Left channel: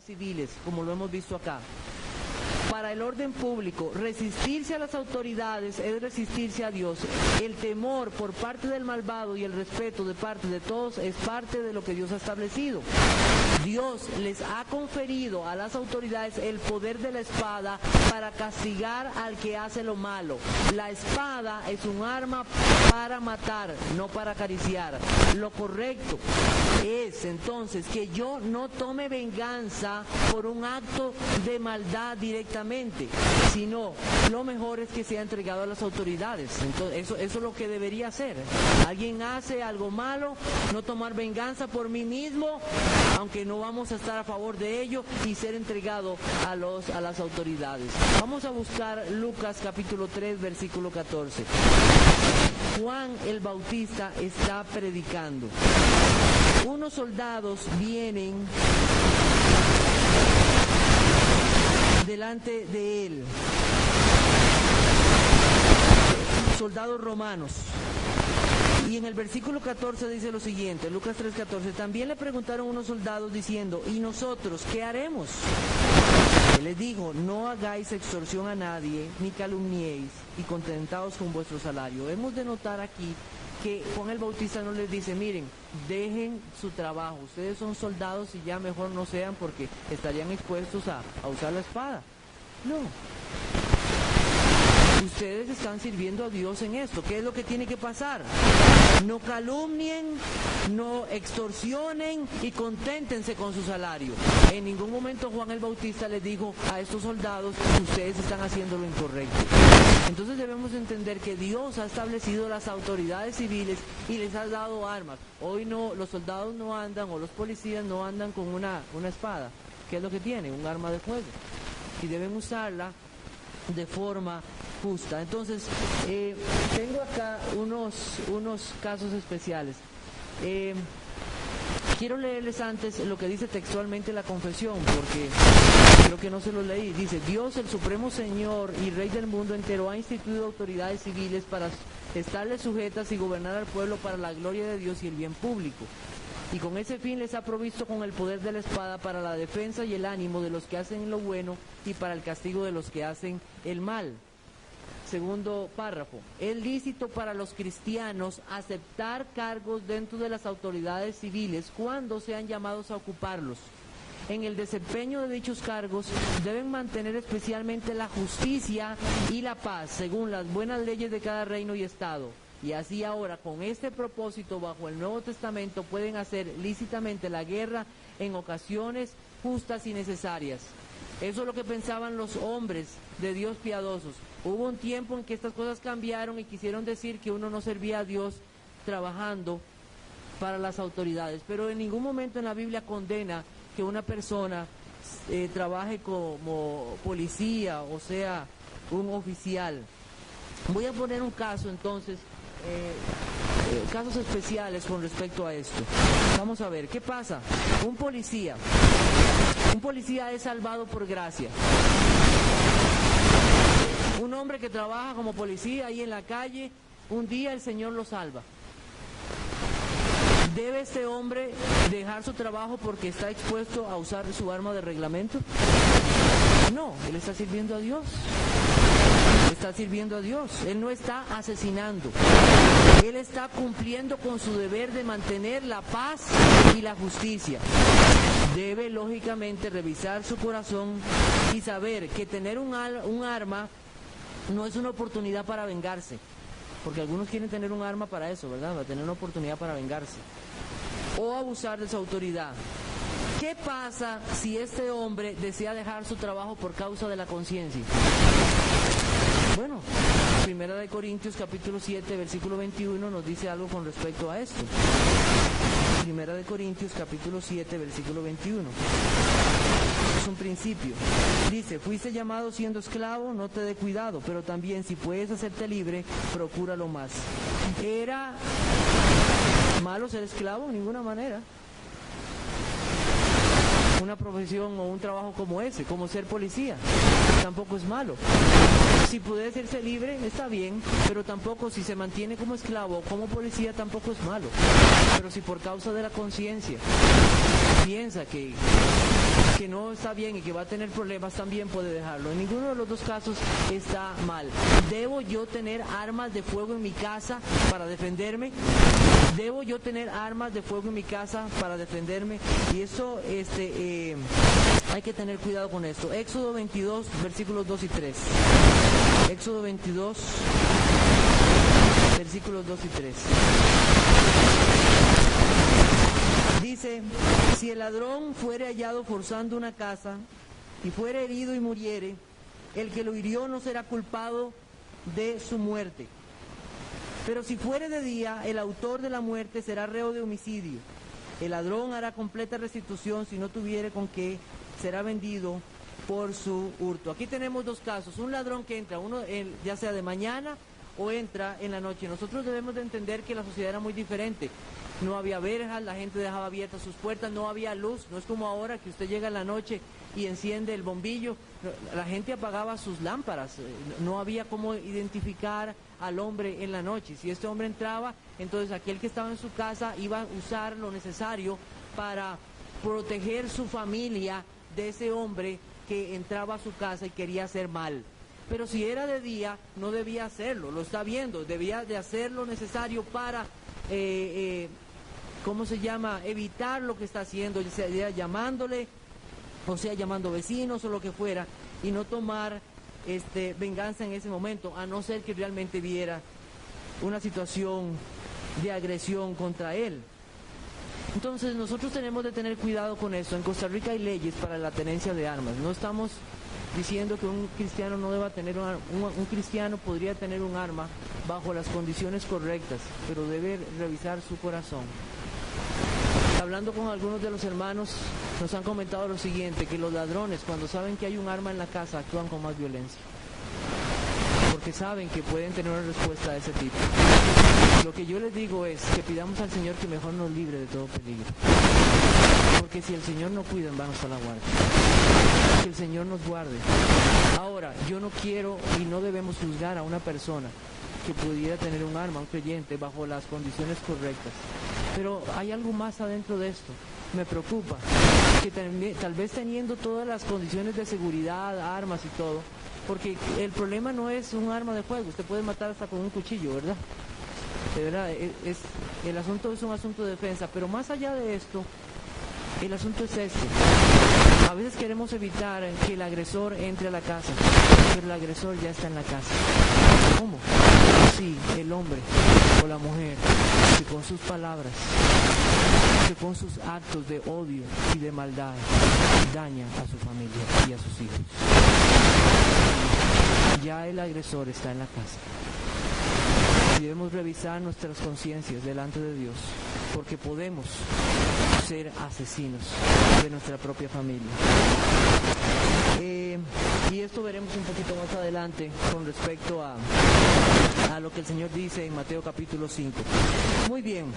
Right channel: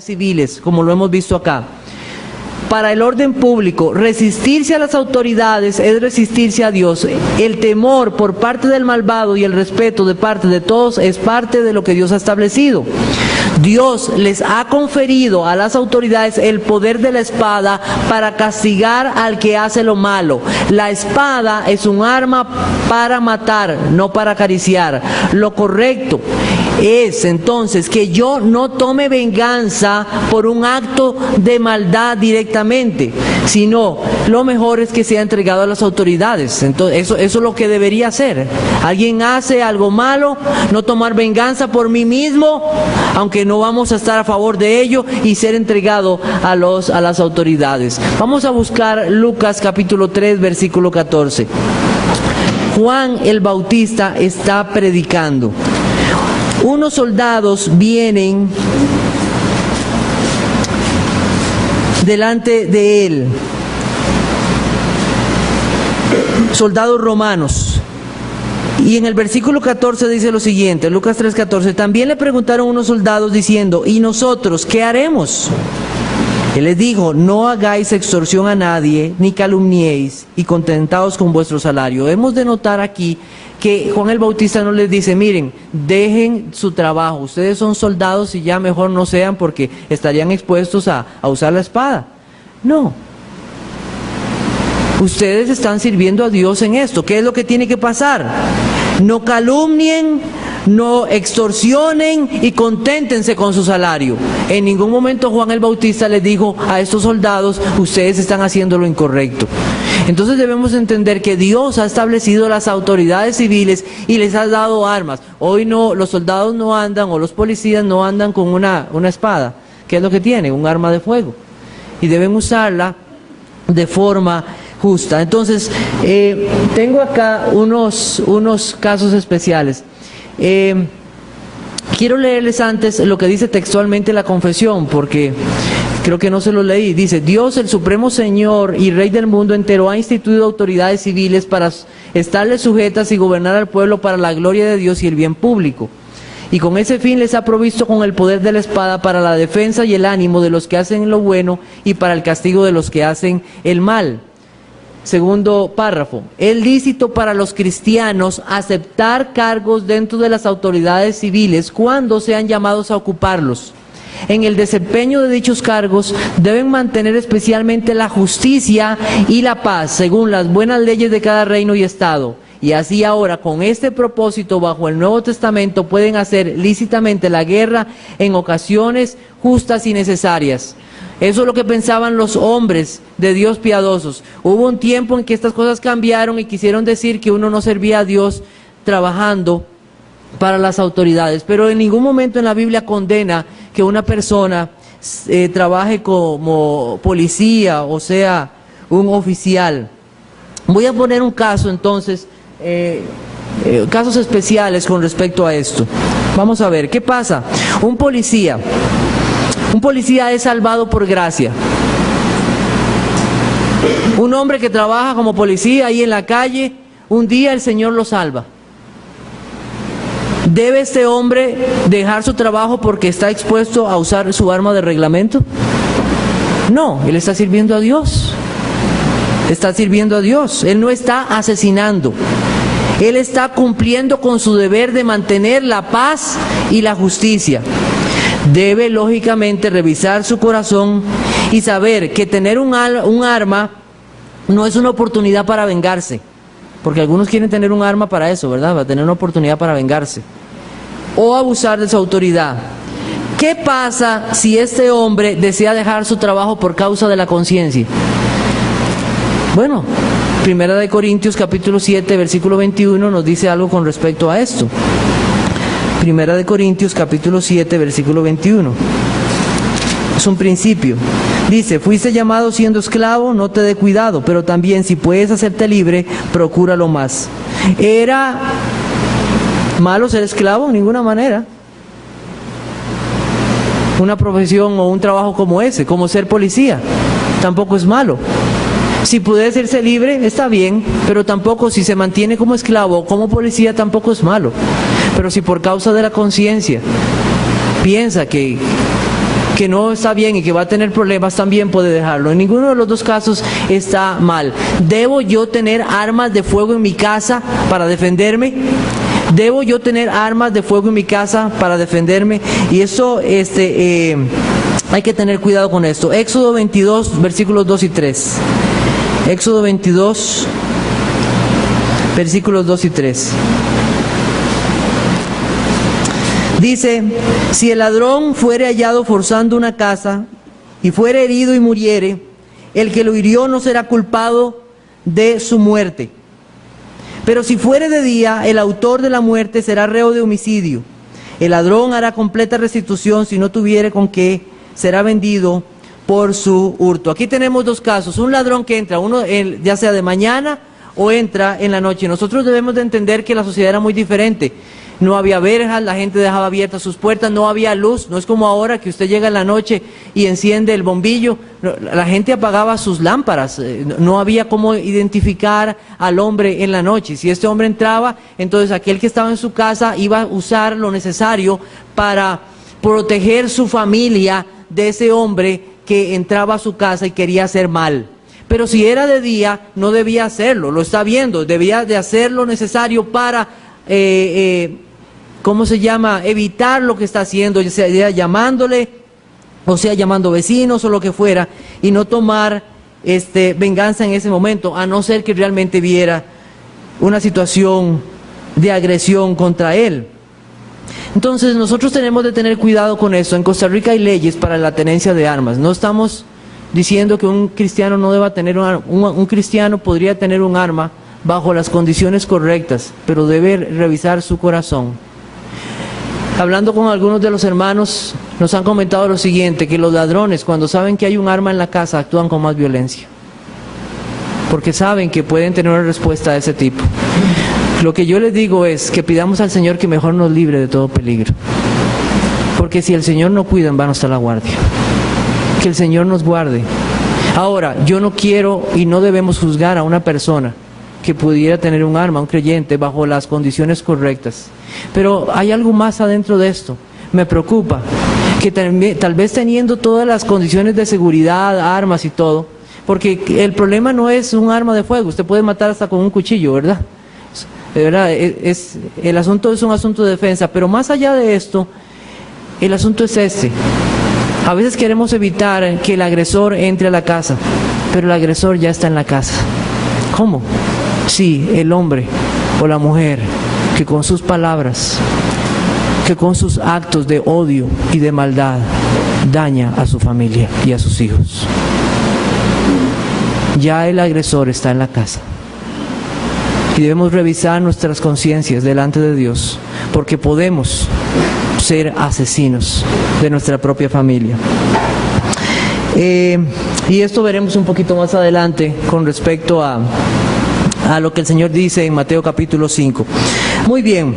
civiles, como lo hemos visto acá. Para el orden público, resistirse a las autoridades es resistirse a Dios. El temor por parte del malvado y el respeto de parte de todos es parte de lo que Dios ha establecido. Dios les ha conferido a las autoridades el poder de la espada para castigar al que hace lo malo. La espada es un arma para matar, no para acariciar. Lo correcto es entonces que yo no tome venganza por un acto de maldad directamente, sino lo mejor es que sea entregado a las autoridades. Entonces, eso es lo que debería hacer. Alguien hace algo malo, no tomar venganza por mí mismo, aunque no vamos a estar a favor de ello, y ser entregado a las autoridades. Vamos a buscar Lucas capítulo 3, versículo 14. Juan el Bautista está predicando. Unos soldados vienen delante de él, soldados romanos. Y en el versículo 14 dice lo siguiente, Lucas 3:14, también le preguntaron unos soldados diciendo, ¿y nosotros qué haremos? Él les dijo, no hagáis extorsión a nadie, ni calumniéis, y contentaos con vuestro salario. Hemos de notar aquí que Juan el Bautista no les dice, miren, dejen su trabajo, ustedes son soldados y ya mejor no sean porque estarían expuestos a usar la espada. No. Ustedes están sirviendo a Dios en esto. ¿Qué es lo que tiene que pasar? No calumnien, no extorsionen y conténtense con su salario. En ningún momento Juan el Bautista les dijo a estos soldados, ustedes están haciendo lo incorrecto. Entonces debemos entender que Dios ha establecido las autoridades civiles y les ha dado armas. Hoy no, los soldados no andan, o los policías no andan con una espada. ¿Qué es lo que tienen? Un arma de fuego. Y deben usarla de forma justa. Entonces, tengo acá unos casos especiales. Quiero leerles antes lo que dice textualmente la confesión, porque creo que no se lo leí. Dice, Dios, el Supremo Señor y Rey del mundo entero, ha instituido autoridades civiles para estarles sujetas y gobernar al pueblo para la gloria de Dios y el bien público. Y con ese fin les ha provisto con el poder de la espada para la defensa y el ánimo de los que hacen lo bueno y para el castigo de los que hacen el mal. Segundo párrafo, es lícito para los cristianos aceptar cargos dentro de las autoridades civiles cuando sean llamados a ocuparlos. En el desempeño de dichos cargos deben mantener especialmente la justicia y la paz según las buenas leyes de cada reino y estado. Y así ahora, con este propósito, bajo el Nuevo Testamento, pueden hacer lícitamente la guerra en ocasiones justas y necesarias. Eso es lo que pensaban los hombres de Dios piadosos. Hubo un tiempo en que estas cosas cambiaron y quisieron decir que uno no servía a Dios trabajando para las autoridades. Pero en ningún momento en la Biblia condena que una persona trabaje como policía, o sea, un oficial. Voy a poner un caso entonces, casos especiales con respecto a esto. Vamos a ver, ¿qué pasa? Un policía es salvado por gracia. Un hombre que trabaja como policía ahí en la calle, un día el Señor lo salva. ¿Debe este hombre dejar su trabajo porque está expuesto a usar su arma de reglamento? No, él está sirviendo a Dios. Está sirviendo a Dios. Él no está asesinando. Él está cumpliendo con su deber de mantener la paz y la justicia. Debe lógicamente revisar su corazón y saber que tener un arma no es una oportunidad para vengarse, porque algunos quieren tener un arma para eso, ¿verdad? Para tener una oportunidad para vengarse o abusar de su autoridad. ¿Qué pasa si este hombre desea dejar su trabajo por causa de la conciencia? Bueno, Primera de Corintios capítulo 7 versículo 21 nos dice algo con respecto a esto. Primera de Corintios capítulo 7 versículo 21. Es un principio. Dice, fuiste llamado siendo esclavo, no te dé cuidado, pero también si puedes hacerte libre, procúralo más. ¿Era malo ser esclavo? En ninguna manera. Una profesión o un trabajo como ese, como ser policía, tampoco es malo. Si puede hacerse libre, está bien, pero tampoco si se mantiene como esclavo o como policía, tampoco es malo. Pero si por causa de la conciencia piensa que que no está bien y que va a tener problemas, también puede dejarlo. En ninguno de los dos casos está mal. ¿Debo yo tener armas de fuego en mi casa para defenderme? ¿Debo yo tener armas de fuego en mi casa para defenderme? Y eso hay que tener cuidado con esto. Éxodo 22, versículos 2 y 3. Éxodo 22, versículos 2 y 3. Dice: si el ladrón fuere hallado forzando una casa y fuere herido y muriere, el que lo hirió no será culpado de su muerte. Pero si fuere de día, el autor de la muerte será reo de homicidio. El ladrón hará completa restitución; si no tuviere con qué, será vendido por su hurto. Aquí tenemos dos casos: un ladrón que entra, ya sea de mañana o entra en la noche. Nosotros debemos de entender que la sociedad era muy diferente. No había verjas, la gente dejaba abiertas sus puertas, no había luz. No es como ahora que usted llega en la noche y enciende el bombillo. La gente apagaba sus lámparas. No había cómo identificar al hombre en la noche. Si este hombre entraba, entonces aquel que estaba en su casa iba a usar lo necesario para proteger su familia de ese hombre que entraba a su casa y quería hacer mal. Pero si era de día, no debía hacerlo. Lo está viendo, debía de hacer lo necesario para evitar lo que está haciendo, ya sea llamándole, o sea llamando vecinos o lo que fuera, y no tomar venganza en ese momento, a no ser que realmente viera una situación de agresión contra él. Entonces nosotros tenemos de tener cuidado con eso. En Costa Rica hay leyes para la tenencia de armas. No estamos diciendo que un cristiano no deba tener un cristiano podría tener un arma bajo las condiciones correctas, pero debe revisar su corazón. Hablando con algunos de los hermanos, nos han comentado lo siguiente: que los ladrones, cuando saben que hay un arma en la casa, actúan con más violencia, porque saben que pueden tener una respuesta de ese tipo. Lo que yo les digo es que pidamos al Señor que mejor nos libre de todo peligro, porque si el Señor no cuida, en vano está la guardia. Que el Señor nos guarde. Ahora, yo no quiero y no debemos juzgar a una persona que pudiera tener un arma, un creyente, bajo las condiciones correctas. Pero hay algo más adentro de esto. Me preocupa que tal vez teniendo todas las condiciones de seguridad, armas y todo, porque el problema no es un arma de fuego, usted puede matar hasta con un cuchillo, ¿verdad? El asunto es un asunto de defensa, pero más allá de esto, el asunto es este. A veces queremos evitar que el agresor entre a la casa, pero el agresor ya está en la casa. ¿Cómo? Sí, el hombre o la mujer que con sus palabras, que con sus actos de odio y de maldad daña a su familia y a sus hijos. Ya el agresor está en la casa. Y debemos revisar nuestras conciencias delante de Dios, porque podemos ser asesinos de nuestra propia familia. Y esto veremos un poquito más adelante con respecto a lo que el Señor dice en Mateo capítulo 5. Muy bien,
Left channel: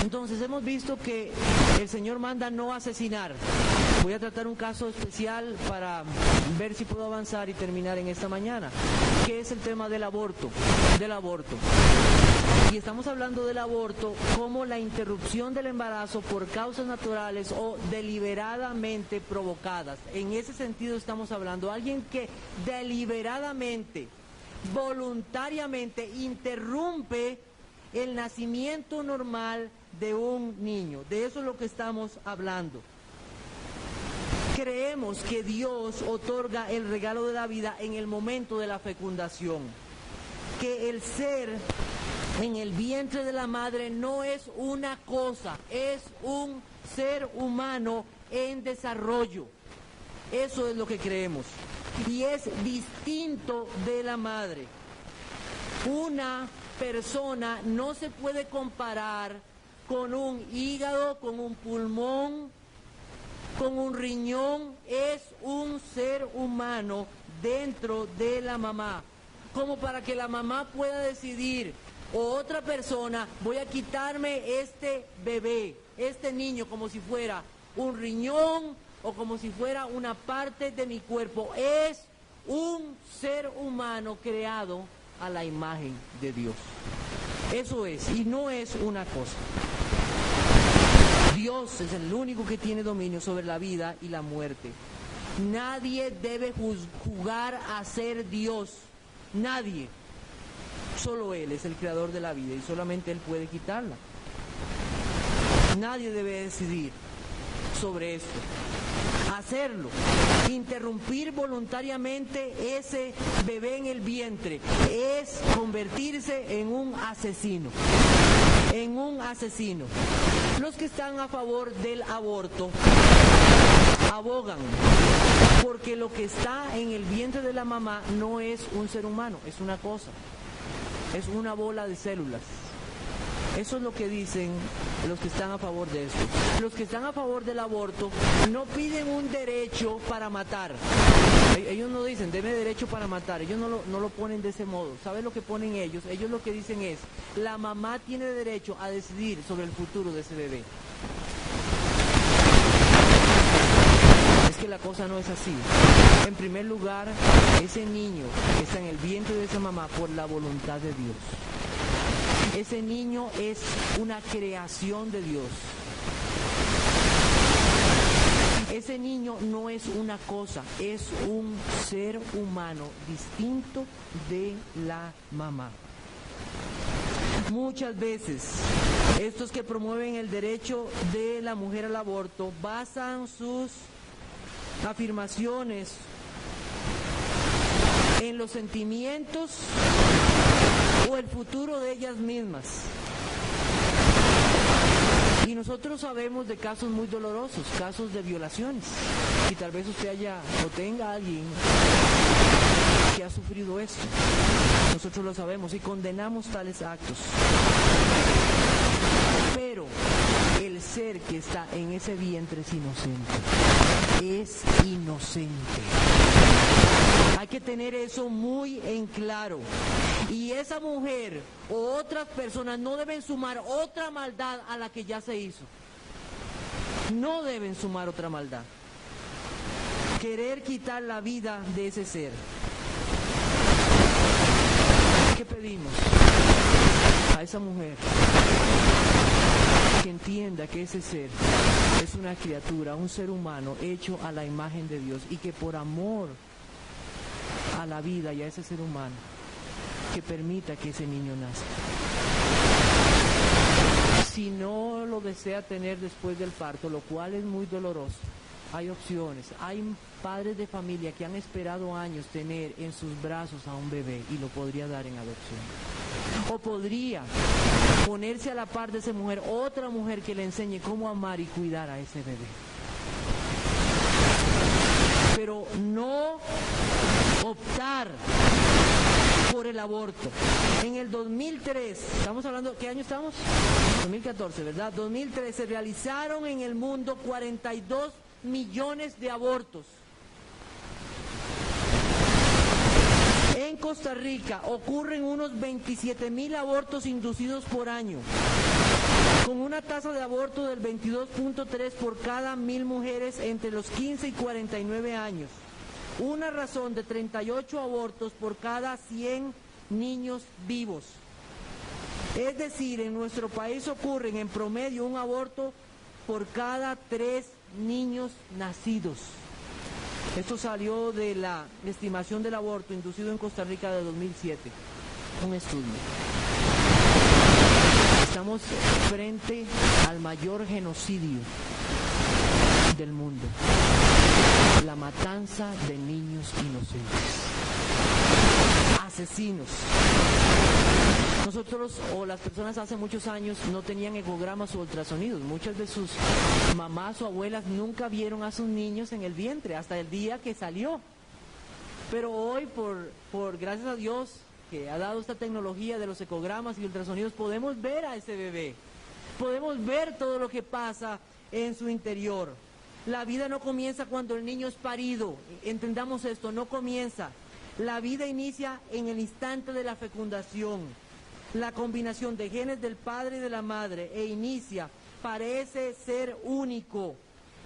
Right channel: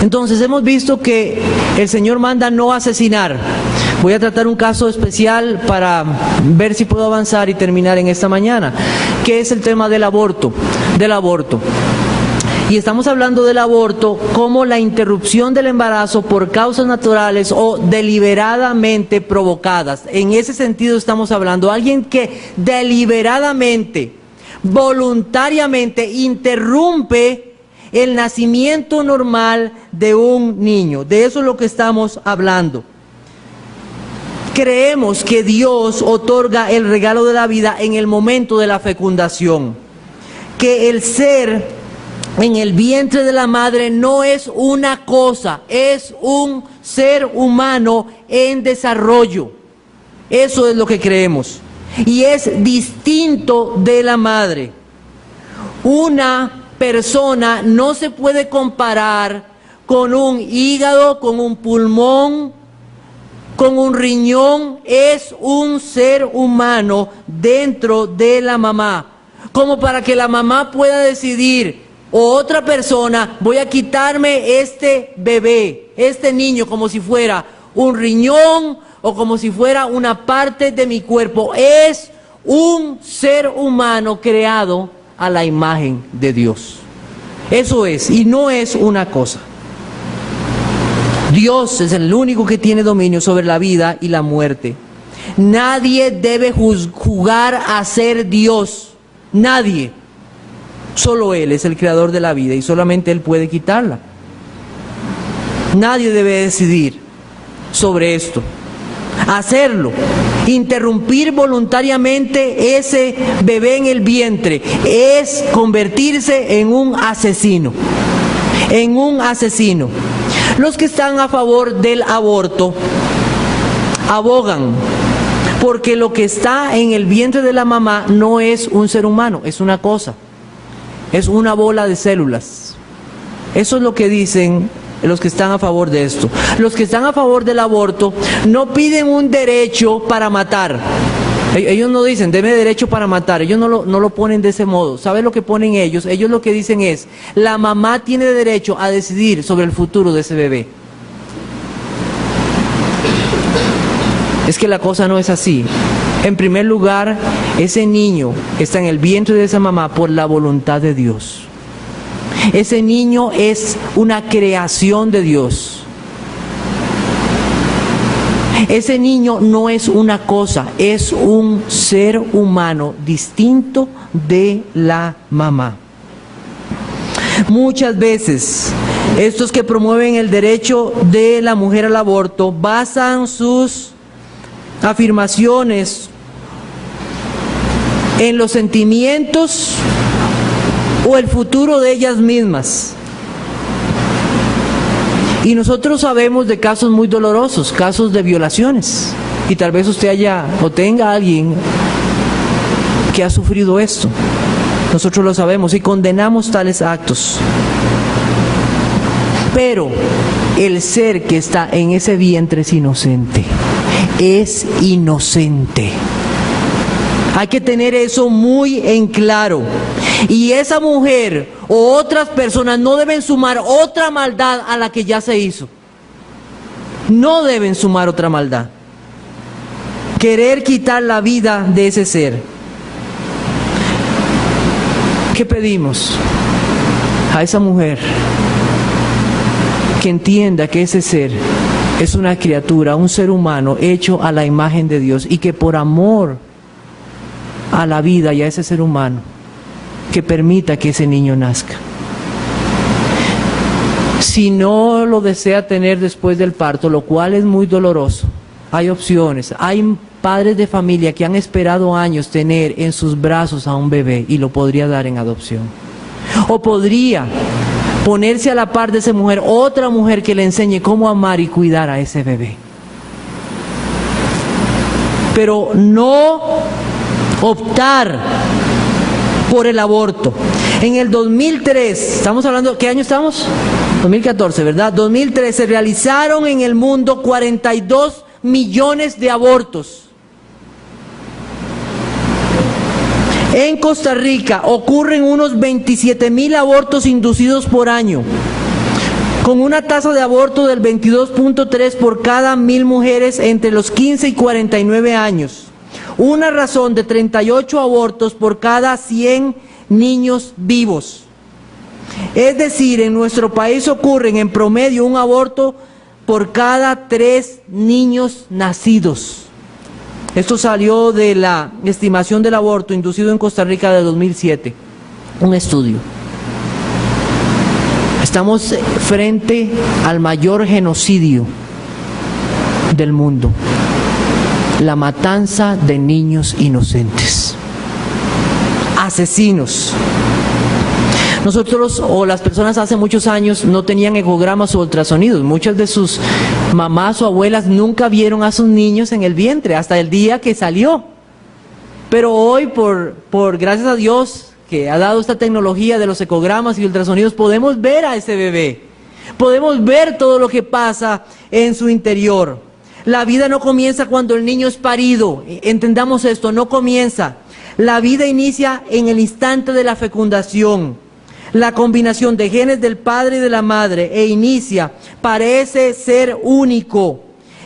entonces hemos visto que el Señor manda no asesinar. Voy a tratar un caso especial para ver si puedo avanzar y terminar en esta mañana, que es el tema del aborto. Y estamos hablando del aborto como la interrupción del embarazo por causas naturales o deliberadamente provocadas. En ese sentido estamos hablando de alguien que deliberadamente, voluntariamente interrumpe el nacimiento normal de un niño. De eso es lo que estamos hablando. Creemos que Dios otorga el regalo de la vida en el momento de la fecundación, que el ser en el vientre de la madre no es una cosa, es un ser humano en desarrollo. Eso es lo que creemos. Y es distinto de la madre. Una persona no se puede comparar con un hígado, con un pulmón, con un riñón. Es un ser humano dentro de la mamá. Como para que la mamá pueda decidir, o otra persona, voy a quitarme este bebé, este niño, como si fuera un riñón o como si fuera una parte de mi cuerpo. Es un ser humano creado a la imagen de Dios. Eso es, y no es una cosa. Dios es el único que tiene dominio sobre la vida y la muerte. Nadie debe jugar a ser Dios. Nadie. Solo Él es el creador de la vida y solamente Él puede quitarla. Nadie debe decidir sobre esto. Hacerlo, interrumpir voluntariamente ese bebé en el vientre, es convertirse en un asesino. En un asesino. Los que están a favor del aborto abogan porque lo que está en el vientre de la mamá no es un ser humano, es una cosa, es una bola de células. Eso es lo que dicen los que están a favor de esto. Los que están a favor del aborto no piden un derecho para matar. Ellos no dicen, deme derecho para matar. Ellos no lo ponen de ese modo. ¿Sabe lo que ponen ellos? Ellos lo que dicen es, la mamá tiene derecho a decidir sobre el futuro de ese bebé. Es que la cosa no es así. En primer lugar, ese niño está en el vientre de esa mamá por la voluntad de Dios. Ese niño es una creación de Dios. Ese niño no es una cosa, es un ser humano distinto de la mamá. Muchas veces, estos que promueven el derecho de la mujer al aborto basan sus afirmaciones en los sentimientos o el futuro de ellas mismas. Y nosotros sabemos de casos muy dolorosos, casos de violaciones. Y tal vez usted haya o tenga a alguien que ha sufrido esto. Nosotros lo sabemos y condenamos tales actos. Pero el ser que está en ese vientre es inocente. Es inocente. Hay que tener eso muy en claro. Y esa mujer o otras personas no deben sumar otra maldad a la que ya se hizo. No deben sumar otra maldad. Querer quitar la vida de ese ser. ¿Qué pedimos a esa mujer? Que entienda que ese ser es una criatura, un ser humano hecho a la imagen de Dios y que por amor a la vida y a ese ser humano, que permita que ese niño nazca. Si no lo desea tener después del parto, lo cual es muy doloroso, hay opciones. Hay padres de familia que han esperado años tener en sus brazos a un bebé y lo podría dar en adopción. O podría ponerse a la par de esa mujer, otra mujer que le enseñe cómo amar y cuidar a ese bebé. Pero no optar por el aborto. En el 2003, estamos hablando, ¿qué año estamos? 2014, ¿verdad? 2003 se realizaron en el mundo 42 millones de abortos. En Costa Rica ocurren unos 27,000 abortos inducidos por año, con una tasa de aborto del 22.3 por cada 1,000 mujeres entre los 15 y 49 años. Una razón de 38 abortos por cada 100 niños vivos. Es decir, en nuestro país ocurren en promedio un aborto por cada 3 niños nacidos. Esto salió de la estimación del aborto inducido en Costa Rica de 2007, un estudio. Estamos frente al mayor genocidio del mundo. La matanza de niños inocentes, asesinos. Nosotros o las personas hace muchos años no tenían ecogramas o ultrasonidos. Muchas de sus mamás o abuelas nunca vieron a sus niños en el vientre hasta el día que salió. Pero hoy, por gracias a Dios que ha dado esta tecnología de los ecogramas y ultrasonidos, podemos ver a ese bebé. Podemos ver todo lo que pasa en su interior. La vida no comienza cuando el niño es parido. Entendamos esto, no comienza. La vida inicia en el instante de la fecundación. La combinación de genes del padre y de la madre parece ser único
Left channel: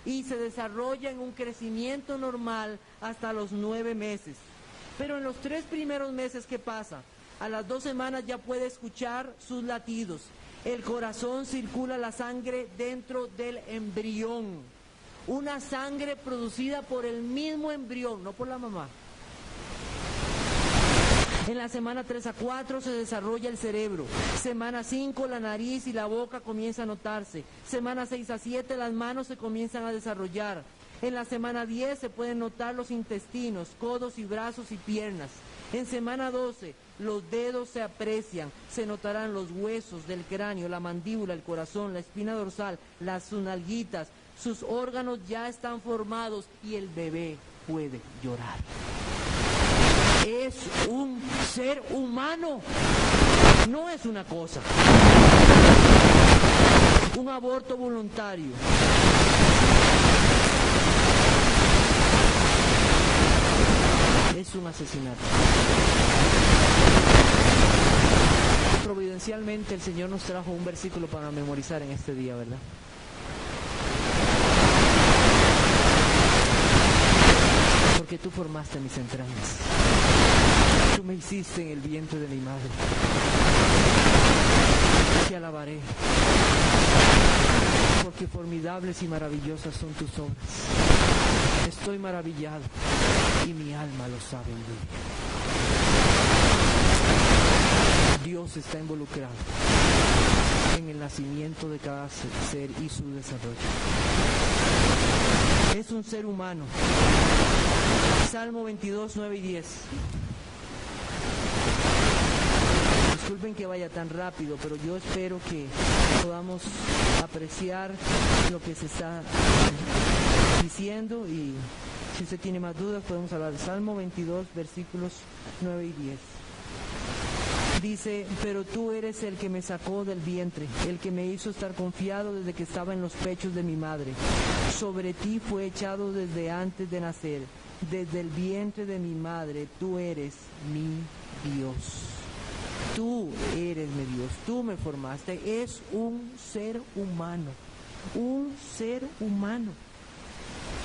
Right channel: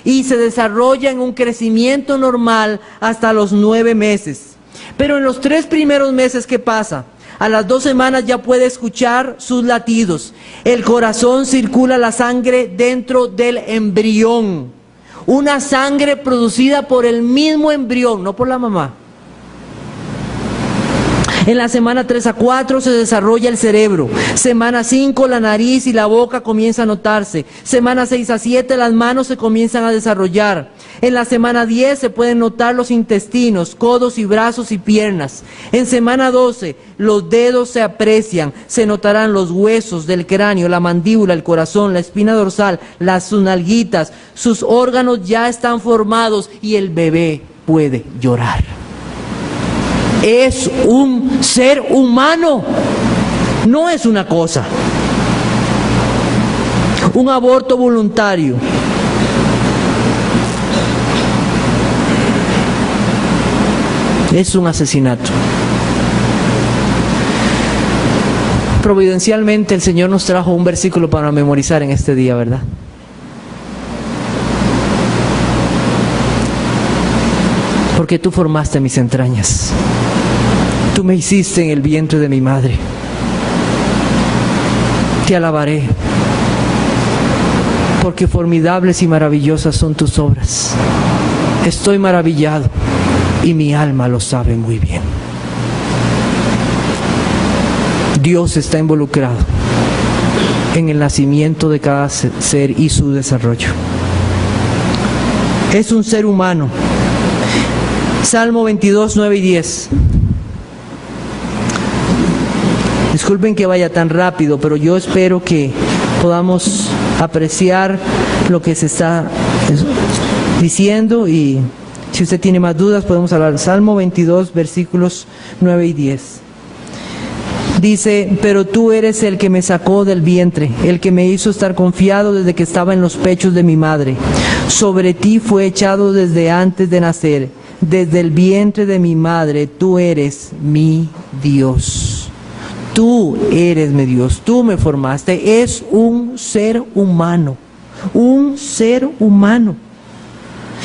y se desarrolla en un crecimiento normal hasta los 9 meses. Pero en los 3 primeros meses, ¿qué pasa? A las 2 semanas ya puede escuchar sus latidos. El corazón circula la sangre dentro del embrión. Una sangre producida por el mismo embrión, no por la mamá. En la semana 3 a 4 se desarrolla el cerebro. Semana 5 la nariz y la boca comienzan a notarse. Semana 6 a 7 las manos se comienzan a desarrollar. En la semana 10 se pueden notar los intestinos, codos y brazos y piernas. En semana 12 los dedos se aprecian, se notarán los huesos del cráneo, la mandíbula, el corazón, la espina dorsal, sus nalguitas. Sus órganos ya están formados y el bebé puede llorar. Es un ser humano, no es una cosa. Un aborto voluntario. Es un asesinato. Providencialmente el Señor nos trajo un versículo para memorizar en este día, ¿verdad? Porque tú formaste mis entrañas. Tú me hiciste en el vientre de mi madre. Te alabaré, porque formidables y maravillosas son tus obras. Estoy maravillado y mi alma lo sabe muy bien. Dios está involucrado en el nacimiento de cada ser y su desarrollo. Es un ser humano. Salmo 22, 9 y 10. Disculpen que vaya tan rápido, pero yo espero que podamos apreciar lo que se está diciendo, y si usted tiene más dudas podemos hablar. Salmo 22, versículos 9 y 10. Dice: pero tú eres el que me sacó del vientre, el que me hizo estar confiado desde que estaba en los pechos de mi madre. Sobre ti fue echado desde antes de nacer, desde el vientre de mi madre. Tú eres mi Dios. Tú eres mi Dios, tú me formaste. Es un ser humano, un ser humano.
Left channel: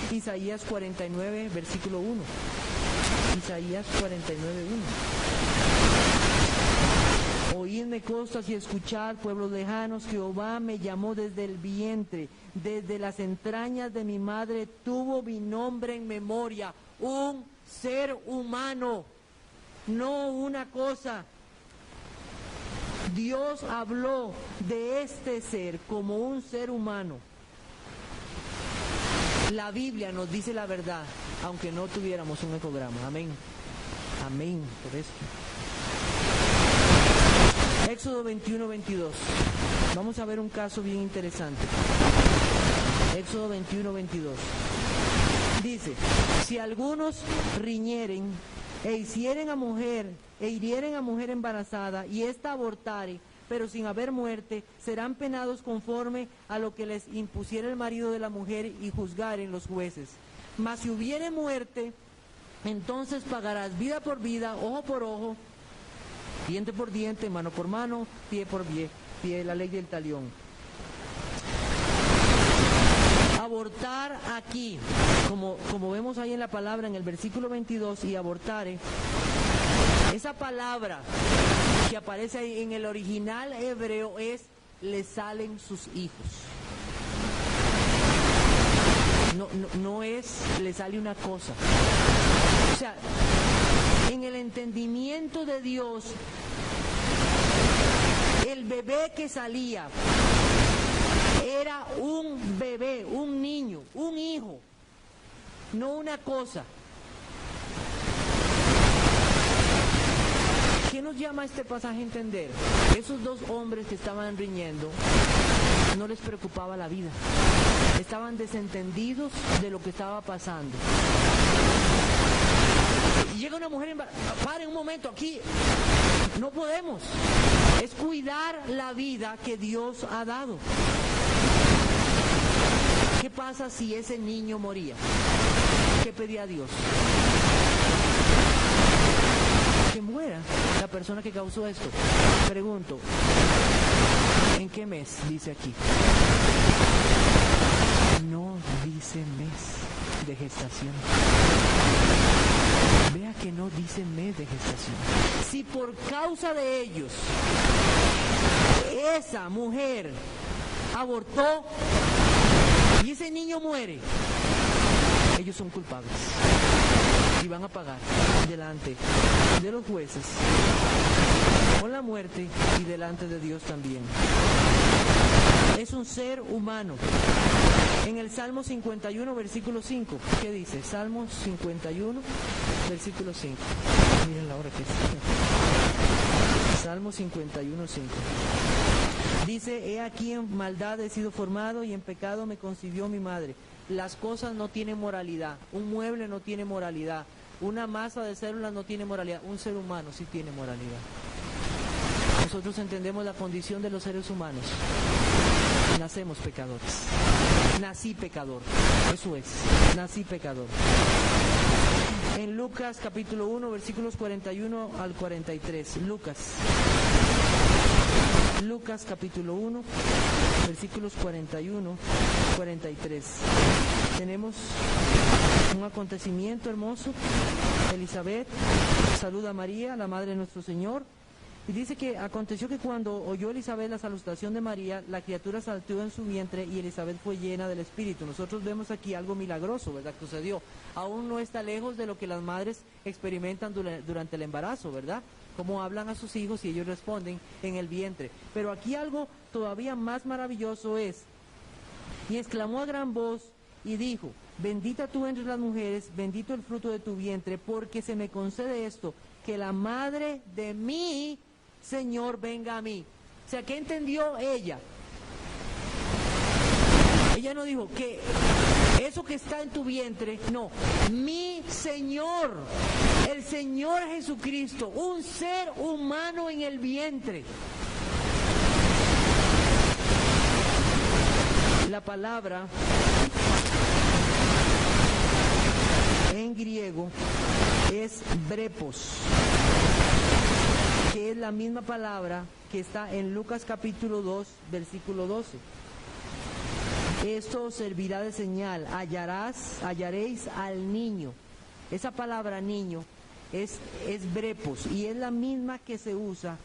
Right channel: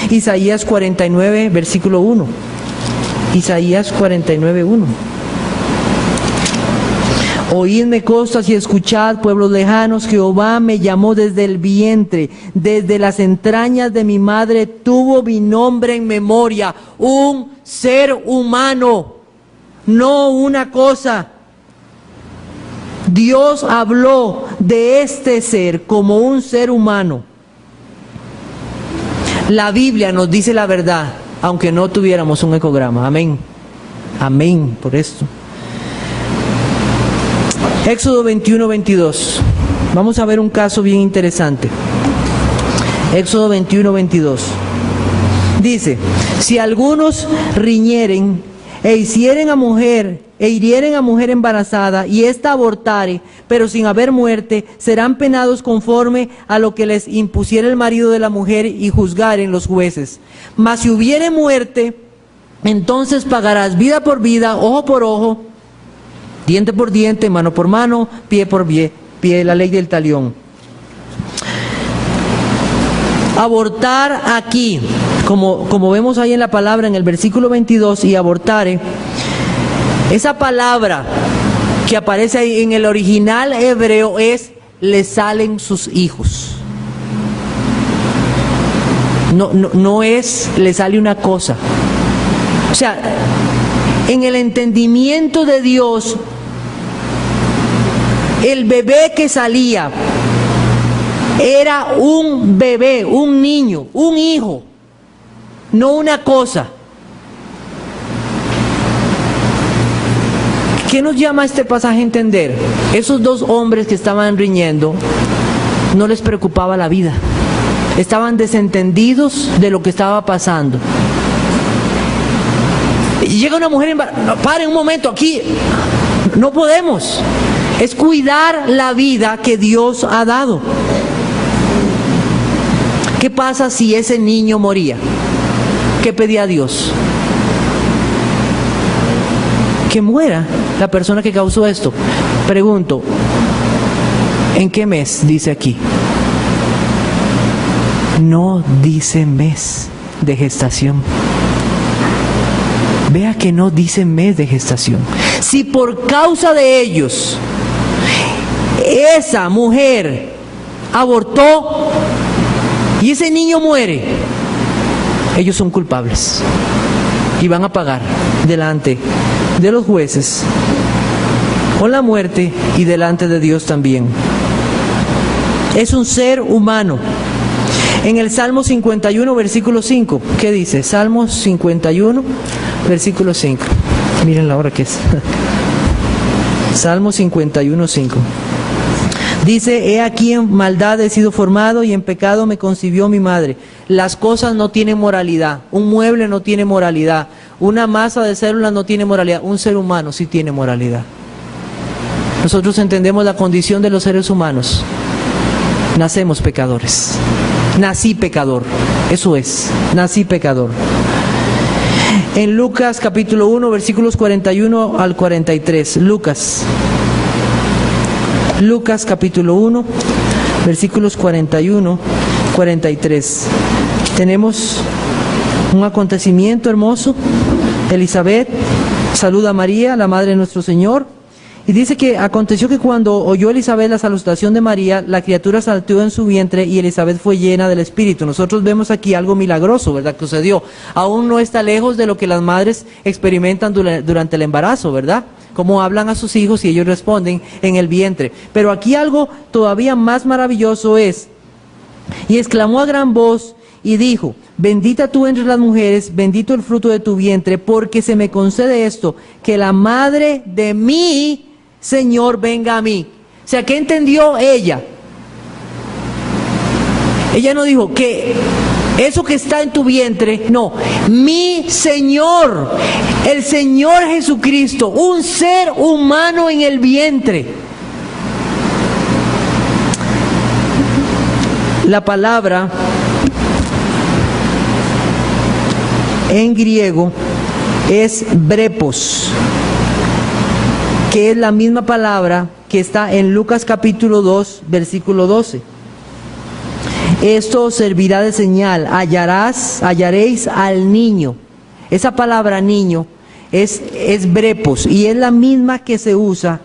Isaías 49, versículo 1. Isaías 49, 1. Oídme costas y escuchad, pueblos lejanos, Jehová me llamó desde el vientre, desde las entrañas de mi madre tuvo mi nombre en memoria. Un ser humano, no una cosa. Dios habló de este ser como un ser humano. La Biblia nos dice la verdad, aunque no tuviéramos un ecograma. Amén. Amén por esto. Éxodo 21, 22. Vamos a ver un caso bien interesante. Éxodo 21, 22. Dice: si algunos riñeren e hirieren a mujer embarazada, y ésta abortare, pero sin haber muerte, serán penados conforme a lo que les impusiera el marido de la mujer, y juzgaren los jueces. Mas si hubiere muerte, entonces pagarás vida por vida, ojo por ojo, diente por diente, mano por mano, pie por pie, la ley del talión. Abortar aquí, como vemos ahí en la palabra en el versículo 22, y abortare, esa palabra que aparece ahí en el original hebreo es: le salen sus hijos. No es le sale una cosa. O sea, en el entendimiento de Dios, el bebé que salía era un bebé, un niño, un hijo, no una cosa. ¿Qué nos llama este pasaje a entender? Esos dos hombres que estaban riñendo, no les preocupaba la vida. Estaban desentendidos de lo que estaba pasando. Y llega una mujer embarazada. Paren un momento, aquí no podemos. Es cuidar la vida que Dios ha dado. ¿Qué pasa si ese niño moría? ¿Qué pedía Dios? Que muera la persona que causó esto. Pregunto, ¿en qué mes dice aquí? No dice mes de gestación. Vea que no dice mes de gestación. Si por causa de ellos esa mujer abortó y ese niño muere, ellos son culpables y van a pagar delante de los jueces con la muerte y delante de Dios también. Es un ser humano. En el Salmo 51, versículo 5, ¿qué dice? Salmo 51, versículo 5. Miren la hora que es. Salmo 51, 5. Dice: he aquí en maldad he sido formado y en pecado me concibió mi madre. Las cosas no tienen moralidad. Un mueble no tiene moralidad. Una masa de células no tiene moralidad. Un ser humano sí tiene moralidad. Nosotros entendemos la condición de los seres humanos. Nacemos pecadores. Nací pecador. Eso es, nací pecador. En Lucas capítulo 1, versículos 41 al 43. Lucas capítulo 1, versículos 41, 43. Tenemos un acontecimiento hermoso. Elizabeth saluda a María, la madre de nuestro Señor. Y dice que aconteció que cuando oyó Elizabeth la salutación de María, la criatura saltó en su vientre y Elizabeth fue llena del Espíritu. Nosotros vemos aquí algo milagroso, ¿verdad?, que sucedió. Aún no está lejos de lo que las madres experimentan durante el embarazo, ¿verdad? Cómo hablan a sus hijos y ellos responden en el vientre. Pero aquí algo todavía más maravilloso es: y exclamó a gran voz y dijo: bendita tú entre las mujeres, bendito el fruto de tu vientre, porque se me concede esto, que la madre de mi Señor venga a mí. O sea, ¿qué entendió ella? Ella no dijo que eso que está en tu vientre, no, mi Señor, el Señor Jesucristo, un ser humano en el vientre. La palabra en griego es brepos, que es la misma palabra que está en Lucas capítulo 2, versículo 12. Esto servirá de señal, hallaréis al niño. Esa palabra niño es brepos, y es la misma que se usa,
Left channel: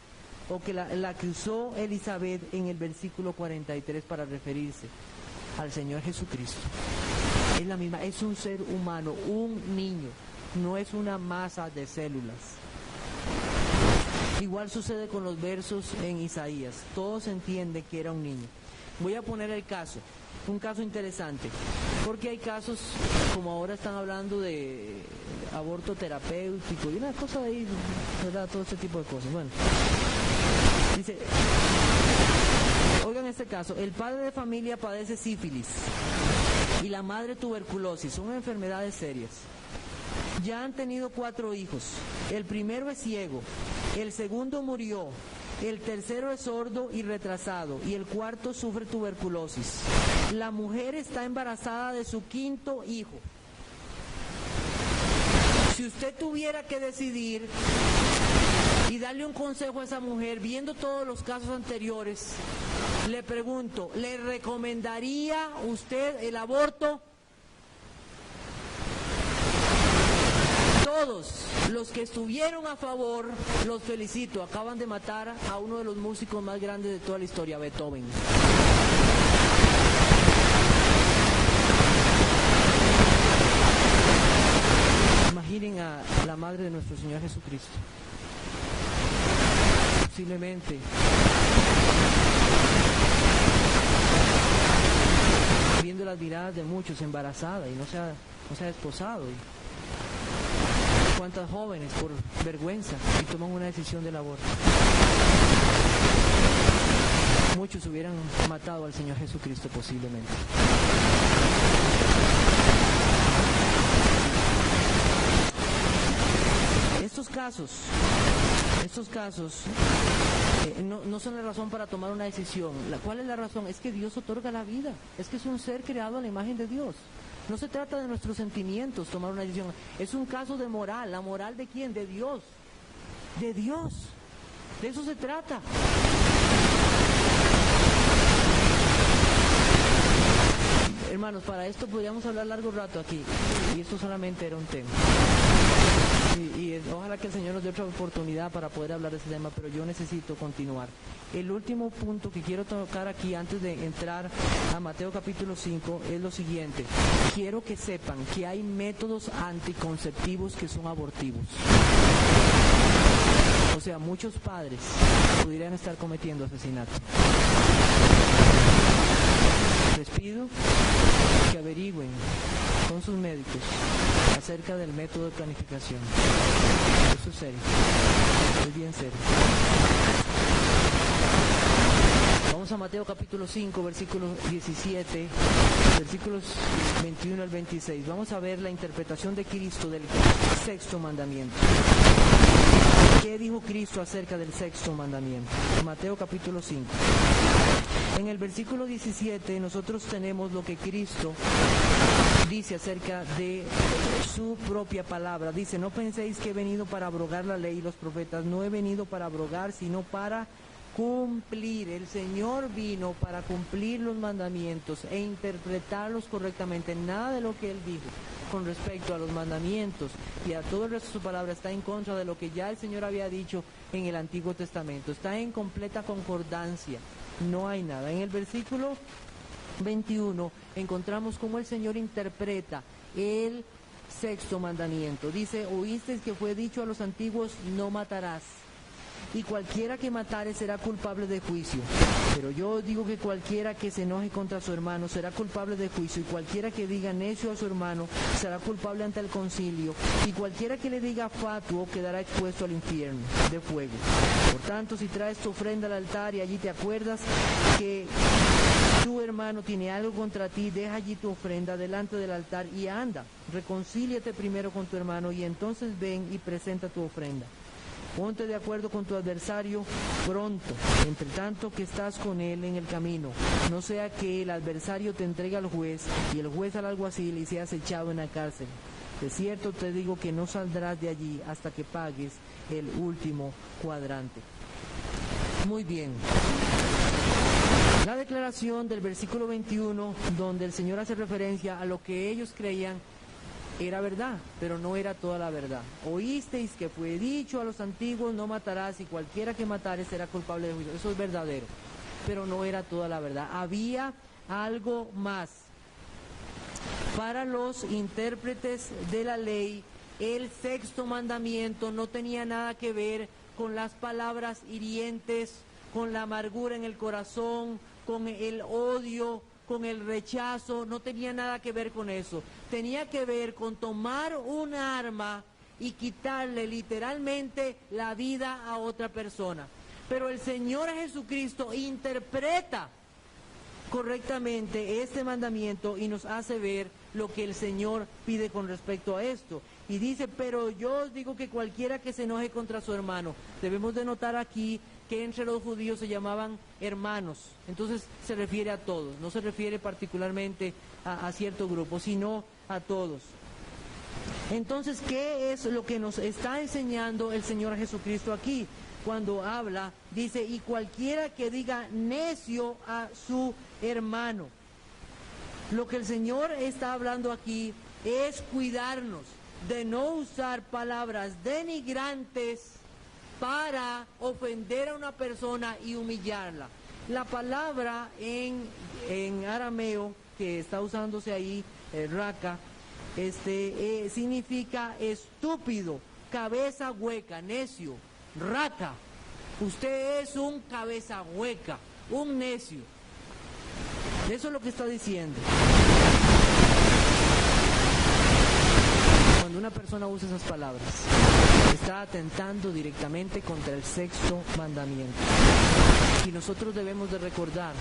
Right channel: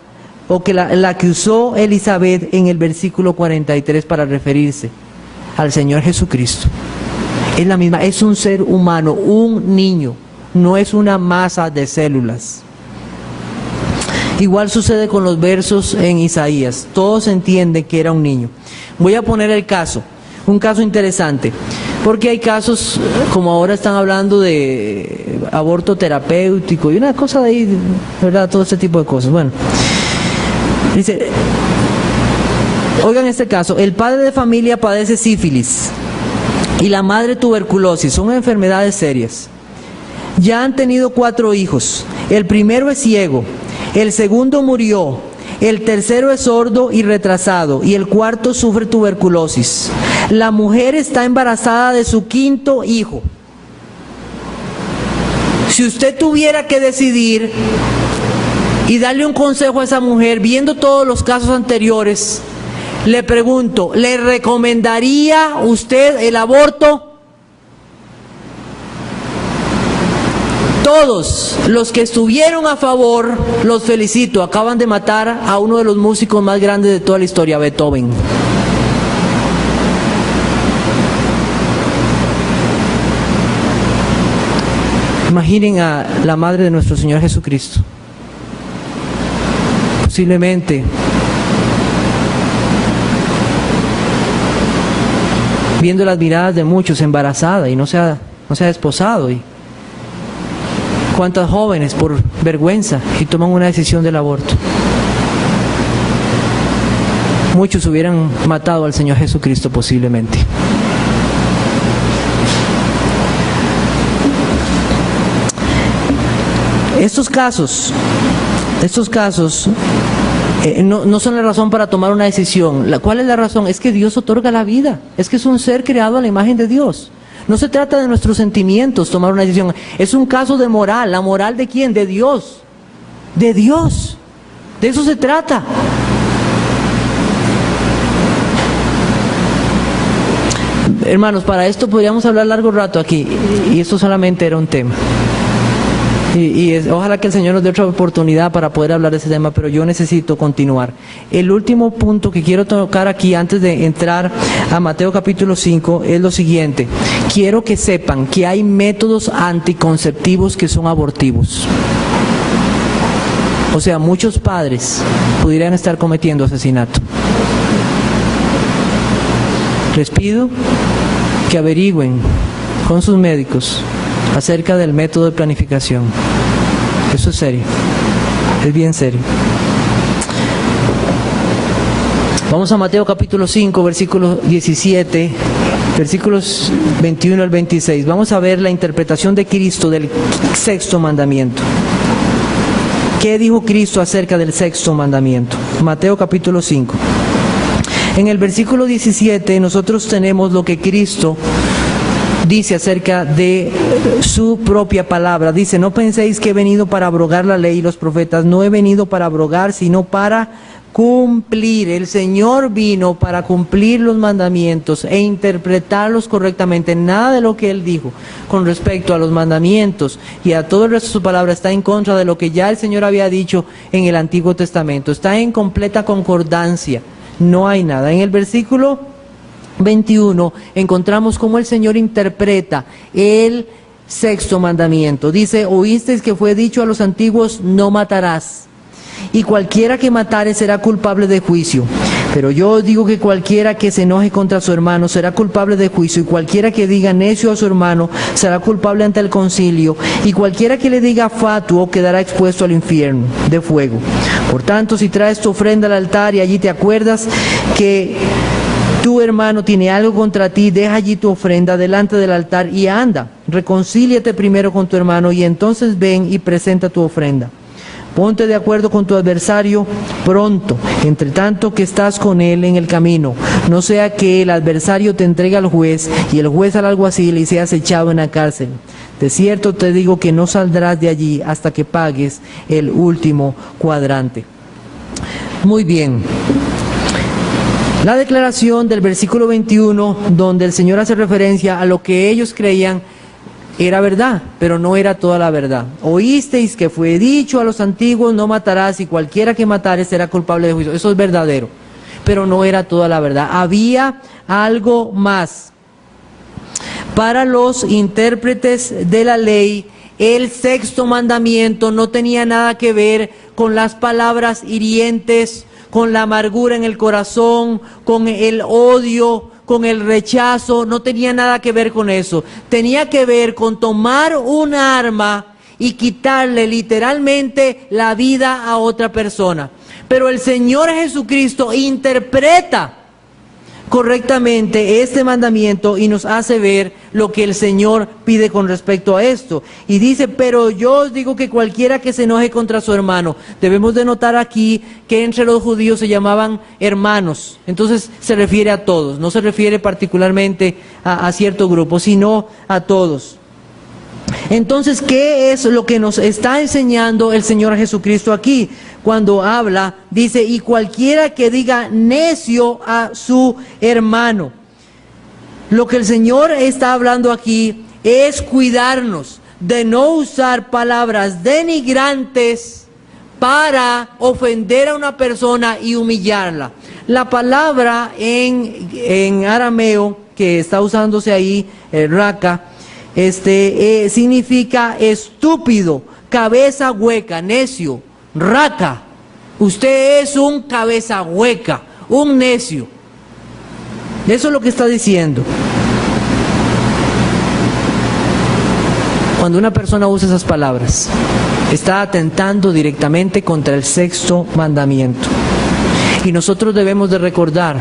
o que la que usó Elizabeth en el versículo 43 para referirse al Señor Jesucristo. Es la misma, es un ser humano, un niño, no es una masa de células. Igual sucede con los versos en Isaías, todos entienden que era un niño. Voy a poner el caso, un caso interesante, porque hay casos, como ahora están hablando de aborto terapéutico y una cosa de ahí, ¿verdad? Todo ese tipo de cosas. Bueno, dice, oigan este caso: el padre de familia padece sífilis y la madre tuberculosis, son enfermedades serias. Ya han tenido 4 hijos, el primero es ciego, el segundo murió, el tercero es sordo y retrasado, y el cuarto sufre tuberculosis. La mujer está embarazada de su 5.º hijo. Si usted tuviera que decidir y darle un consejo a esa mujer, viendo todos los casos anteriores, le pregunto, ¿le recomendaría usted el aborto? Todos los que estuvieron a favor, los felicito, acaban de matar a uno de los músicos más grandes de toda la historia, Beethoven. Imaginen a la madre de nuestro Señor Jesucristo. Posiblemente viendo las miradas de muchos, embarazada y no se ha desposado, y cuántas jóvenes por vergüenza y toman una decisión del aborto. Muchos hubieran matado al Señor Jesucristo posiblemente. Estos casos no son la razón para tomar una decisión. ¿Cuál es la razón? Es que Dios otorga la vida, es que es un ser creado a la imagen de Dios. No se trata de nuestros sentimientos tomar una decisión, es un caso de moral. ¿La moral de quién? De Dios. De Dios. De eso se trata. Hermanos, para esto podríamos hablar largo rato aquí, y esto solamente era un tema. Ojalá que el Señor nos dé otra oportunidad para poder hablar de ese tema, pero yo necesito continuar. El último punto que quiero tocar aquí antes de entrar a Mateo capítulo 5 es lo siguiente. Quiero que sepan que hay métodos anticonceptivos que son abortivos. O sea, muchos padres pudieran estar cometiendo asesinato. Les pido que averigüen con sus médicos acerca del método de planificación. Eso es serio, es bien serio. Vamos a Mateo capítulo 5, versículo 17, versículos 21 al 26. Vamos a ver la interpretación de Cristo del sexto mandamiento. ¿Qué dijo Cristo acerca del sexto mandamiento? Mateo capítulo 5. En el versículo 17 nosotros tenemos lo que Cristo dice acerca de su propia palabra. Dice: no penséis que he venido para abrogar la ley y los profetas. No he venido para abrogar, sino para cumplir. El Señor vino para cumplir los mandamientos e interpretarlos correctamente. Nada de lo que Él dijo con respecto a los mandamientos y a todo el resto de su palabra está en contra de lo que ya el Señor había dicho en el Antiguo Testamento. Está en completa concordancia. No hay nada. En el versículo 21 encontramos cómo el Señor interpreta el sexto mandamiento. Dice: oísteis que fue dicho a los antiguos: no matarás, y cualquiera que matare será culpable de juicio. Pero yo os digo que cualquiera que se enoje contra su hermano será culpable de juicio, y cualquiera que diga necio a su hermano será culpable ante el concilio, y cualquiera que le diga fatuo quedará expuesto al infierno de fuego. Por tanto, si traes tu ofrenda al altar y allí te acuerdas que tu hermano tiene algo contra ti, deja allí tu ofrenda delante del altar y anda, reconcíliate primero con tu hermano y entonces ven y presenta tu ofrenda. Ponte de acuerdo con tu adversario pronto, entre tanto que estás con él en el camino, no sea que el adversario te entregue al juez y el juez al alguacil y seas echado en la cárcel. De cierto te digo que no saldrás de allí hasta que pagues el último cuadrante. Muy bien. La declaración del versículo 21, donde el Señor hace referencia a lo que ellos creían era verdad, pero no era toda la verdad. Oísteis que fue dicho a los antiguos: no matarás, y cualquiera que matare será culpable de juicio. Eso es verdadero, pero no era toda la verdad. Había algo más. Para los intérpretes de la ley, el sexto mandamiento no tenía nada que ver con las palabras hirientes, con la amargura en el corazón, con el odio, con el rechazo. No tenía nada que ver con eso. Tenía que ver con tomar un arma y quitarle literalmente la vida a otra persona. Pero el Señor Jesucristo interpreta correctamente este mandamiento y nos hace ver lo que el Señor pide con respecto a esto. Y dice: pero yo os digo que cualquiera que se enoje contra su hermano. Debemos de notar aquí que entre los judíos se llamaban hermanos. Entonces se refiere a todos, no se refiere particularmente a cierto grupo, sino a todos. Entonces, ¿qué es lo que nos está enseñando el Señor Jesucristo aquí? Cuando habla, dice: y cualquiera que diga necio a su hermano. Lo que el Señor está hablando aquí es cuidarnos de no usar palabras denigrantes para ofender a una persona y humillarla. La palabra en arameo que está usándose ahí, raka, significa estúpido, cabeza hueca, necio, raka. Usted es un cabeza hueca, un necio. Eso es lo que está diciendo. Cuando una persona usa esas palabras, está atentando directamente contra el sexto mandamiento. Y nosotros debemos de recordar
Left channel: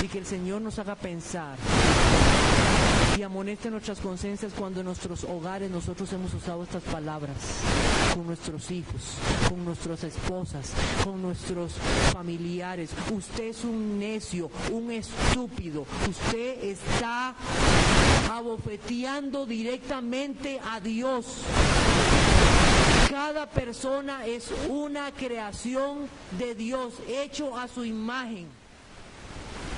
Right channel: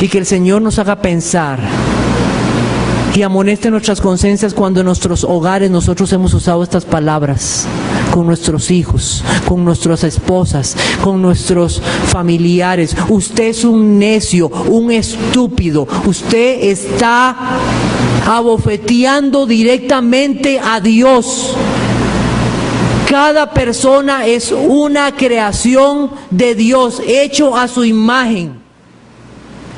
y que el Señor nos haga pensar y amoneste nuestras conciencias cuando en nuestros hogares nosotros hemos usado estas palabras con nuestros hijos, con nuestras esposas, con nuestros familiares. Usted es un necio, un estúpido. Usted está abofeteando directamente a Dios. Cada persona es una creación de Dios, hecho a su imagen.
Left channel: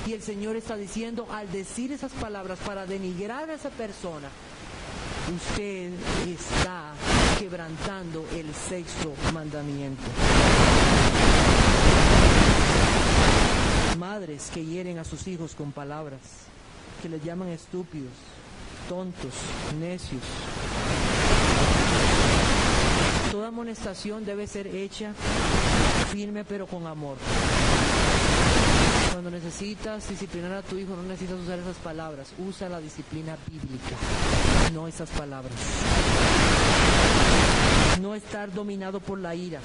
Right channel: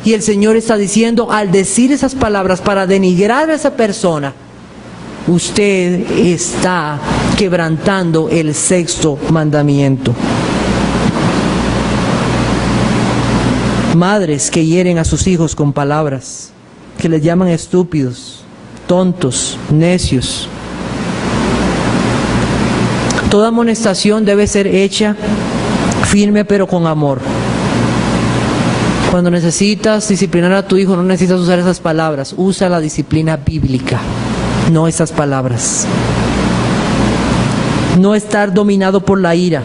Y el Señor está diciendo, al decir esas palabras para denigrar a esa persona, usted está quebrantando el sexto mandamiento. Madres que hieren a sus hijos con palabras, que les llaman estúpidos, tontos, necios. Toda amonestación debe ser hecha firme pero con amor. Cuando necesitas disciplinar a tu hijo, no necesitas usar esas palabras. Usa la disciplina bíblica, no esas palabras. No estar dominado por la ira.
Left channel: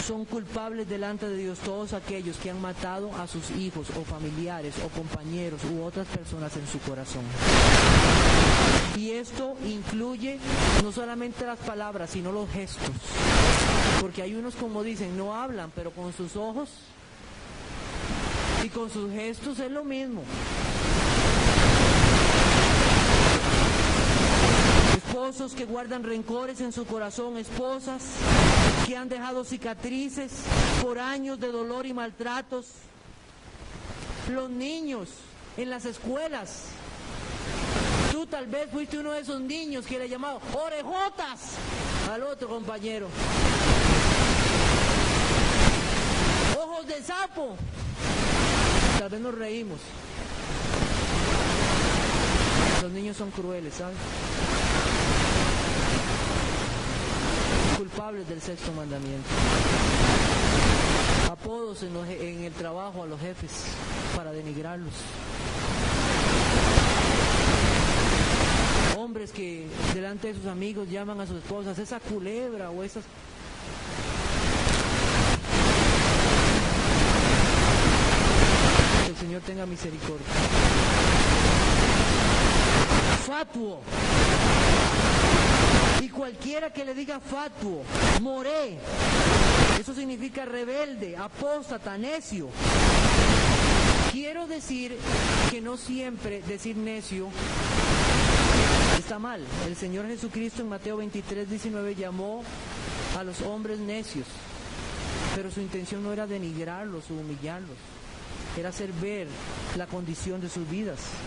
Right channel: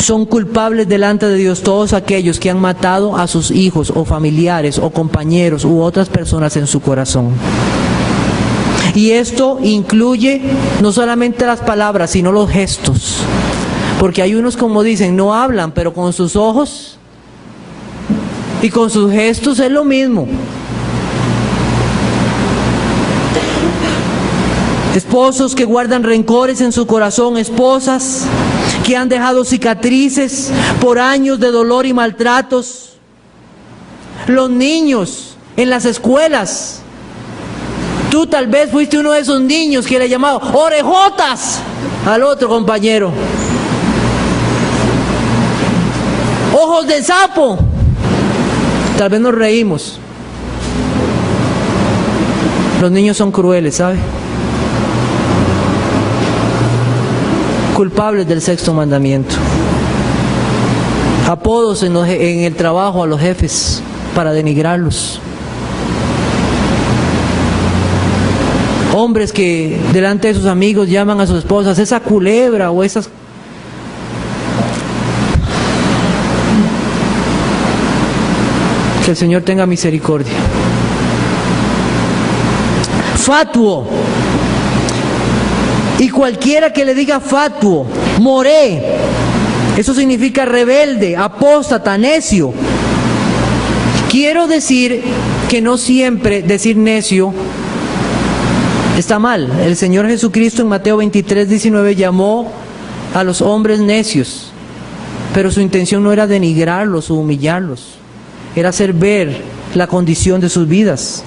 Son culpables delante de Dios todos aquellos que han matado a sus hijos o familiares o compañeros u otras personas en su corazón. Y esto incluye no solamente las palabras, sino los gestos. Porque hay unos, como dicen, no hablan, pero con sus ojos y con sus gestos es lo mismo. Esposos que guardan rencores en su corazón, esposas que han dejado cicatrices por años de dolor y maltratos. Los niños en las escuelas. Tú tal vez fuiste uno de esos niños que le llamaba orejotas al otro compañero. Ojos de sapo. Tal vez nos reímos. Los niños son crueles, ¿sabe? Culpables del sexto mandamiento. Apodos en el trabajo a los jefes para denigrarlos. Hombres que delante de sus amigos llaman a sus esposas esa culebra o esas... Que el Señor tenga misericordia. Fatuo. Y cualquiera que le diga fatuo, moré, eso significa rebelde, apóstata, necio. Quiero decir que no siempre decir necio está mal. El Señor Jesucristo en Mateo 23:19 llamó a los hombres necios, pero su intención no era denigrarlos o humillarlos, era hacer ver la condición de sus vidas.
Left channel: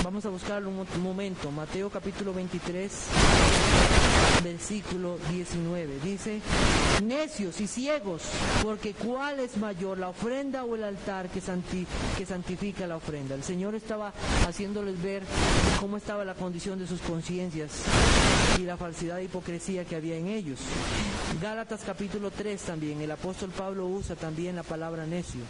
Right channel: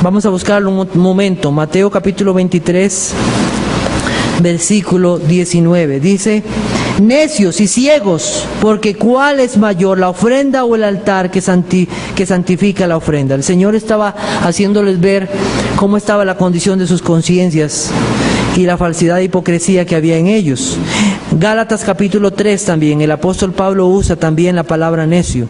Vamos a buscarlo un momento. Mateo capítulo 23, versículo 19. Dice: necios y ciegos, porque ¿cuál es mayor, la ofrenda o el altar que santifica la ofrenda? El Señor estaba haciéndoles ver cómo estaba la condición de sus conciencias y la falsedad e hipocresía que había en ellos. Gálatas capítulo 3 también, el apóstol Pablo usa también la palabra necio.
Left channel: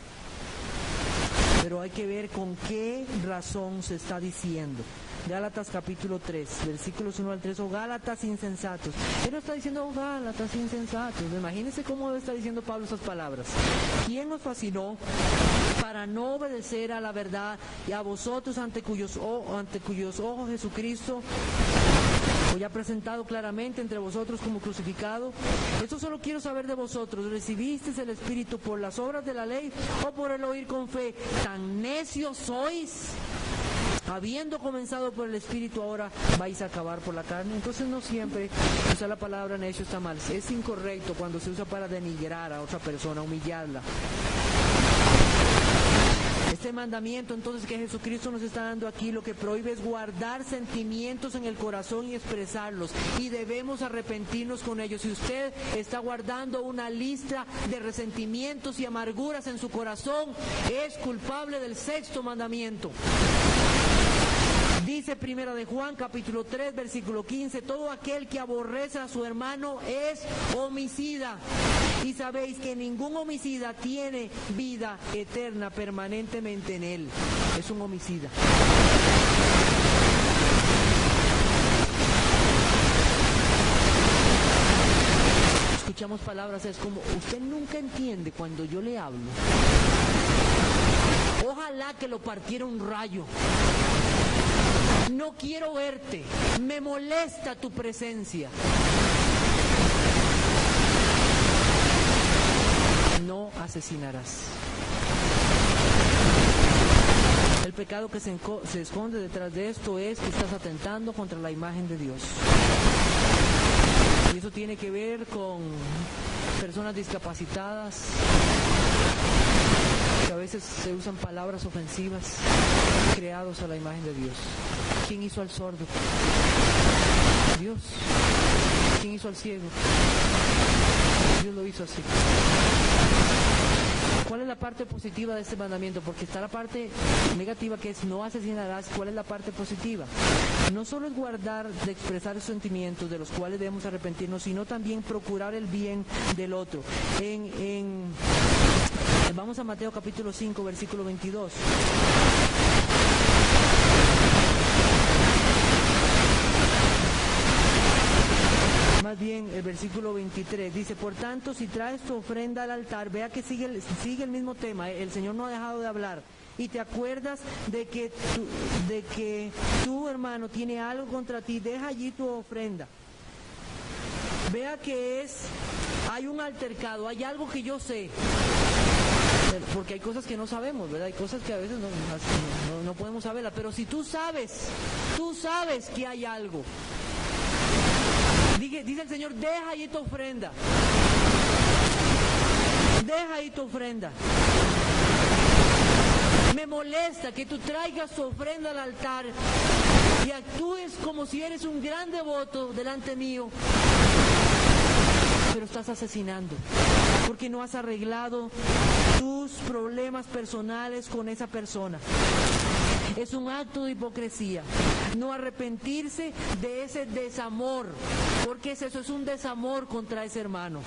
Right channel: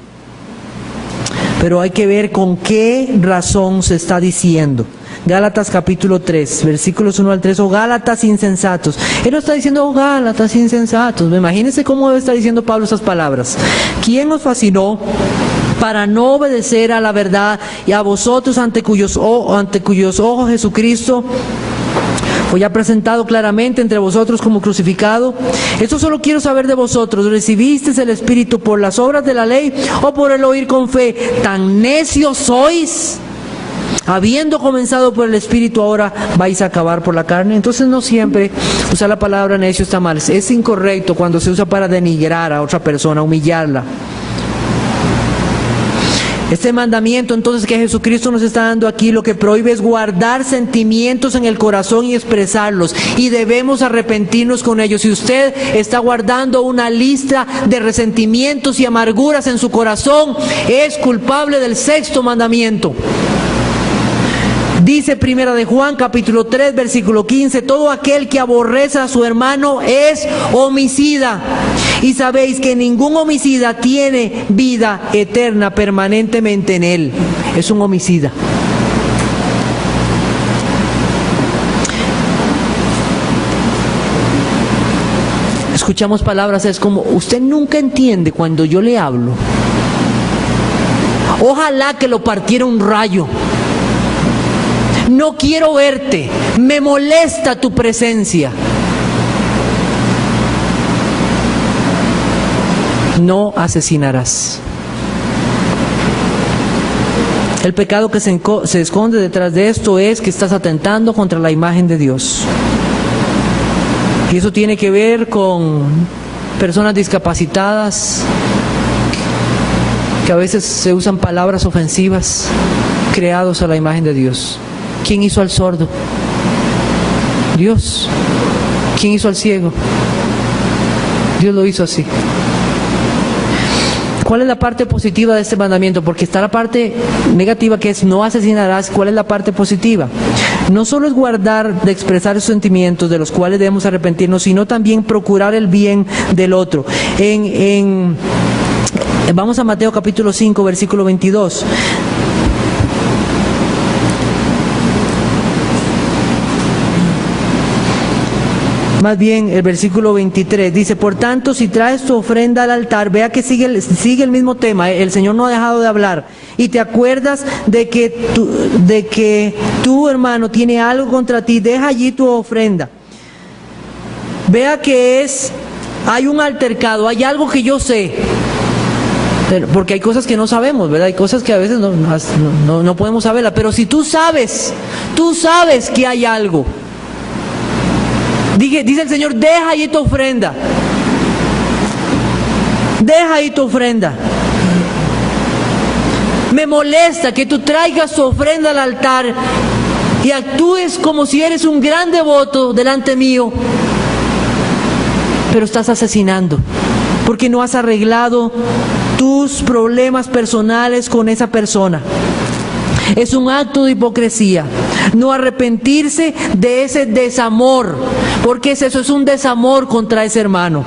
Pero hay que ver con qué razón se está diciendo. Gálatas capítulo 3, versículos 1 al 3, o Gálatas insensatos. Él no está diciendo, oh Gálatas insensatos. Imagínense cómo debe estar diciendo Pablo esas palabras. ¿Quién os fascinó para no obedecer a la verdad, y a vosotros ante cuyos ojos Jesucristo fue ya presentado claramente entre vosotros como crucificado? Esto solo quiero saber de vosotros: ¿recibisteis el Espíritu por las obras de la ley o por el oír con fe? ¿Tan necios sois? Habiendo comenzado por el Espíritu, ahora vais a acabar por la carne. Entonces no siempre usar la palabra necio está mal. Es incorrecto cuando se usa para denigrar a otra persona, humillarla. Este mandamiento entonces que Jesucristo nos está dando aquí, lo que prohíbe es guardar sentimientos en el corazón y expresarlos, y debemos arrepentirnos con ellos. Si usted está guardando una lista de resentimientos y amarguras en su corazón, es culpable del sexto mandamiento. Dice Primera de Juan capítulo 3 versículo 15: todo aquel que aborrece a su hermano es homicida, y sabéis que ningún homicida tiene vida eterna permanentemente en él. Es un homicida. Escuchamos palabras, es como, usted nunca entiende cuando yo le hablo. Ojalá que lo partiera un rayo. No quiero verte, me molesta tu presencia. No asesinarás. El pecado que se esconde detrás de esto es que estás atentando contra la imagen de Dios. Y eso tiene que ver con personas discapacitadas, que a veces se usan palabras ofensivas, creados a la imagen de Dios. ¿Quién hizo al sordo? Dios. ¿Quién hizo al ciego? Dios lo hizo así. ¿Cuál es la parte positiva de este mandamiento? Porque está la parte negativa, que es no asesinarás. ¿Cuál es la parte positiva? No solo es guardar de expresar esos sentimientos de los cuales debemos arrepentirnos, sino también procurar el bien del otro. Vamos a Mateo capítulo 5, versículo 22. Más bien el versículo 23 dice: por tanto, si traes tu ofrenda al altar, vea que sigue el mismo tema, el Señor no ha dejado de hablar, y te acuerdas de que tu hermano tiene algo contra ti, deja allí tu ofrenda. Vea que hay un altercado, hay algo que yo sé, porque hay cosas que no sabemos, ¿verdad? Hay cosas que a veces no podemos saberlas, pero si tú sabes que hay algo. Dice el Señor: deja ahí tu ofrenda. Deja ahí tu ofrenda. Me molesta que tú traigas tu ofrenda al altar y actúes como si eres un gran devoto delante mío, pero estás asesinando, porque no has arreglado tus problemas personales con esa persona. Es un acto de hipocresía no arrepentirse de ese desamor, porque eso es un desamor contra ese hermano.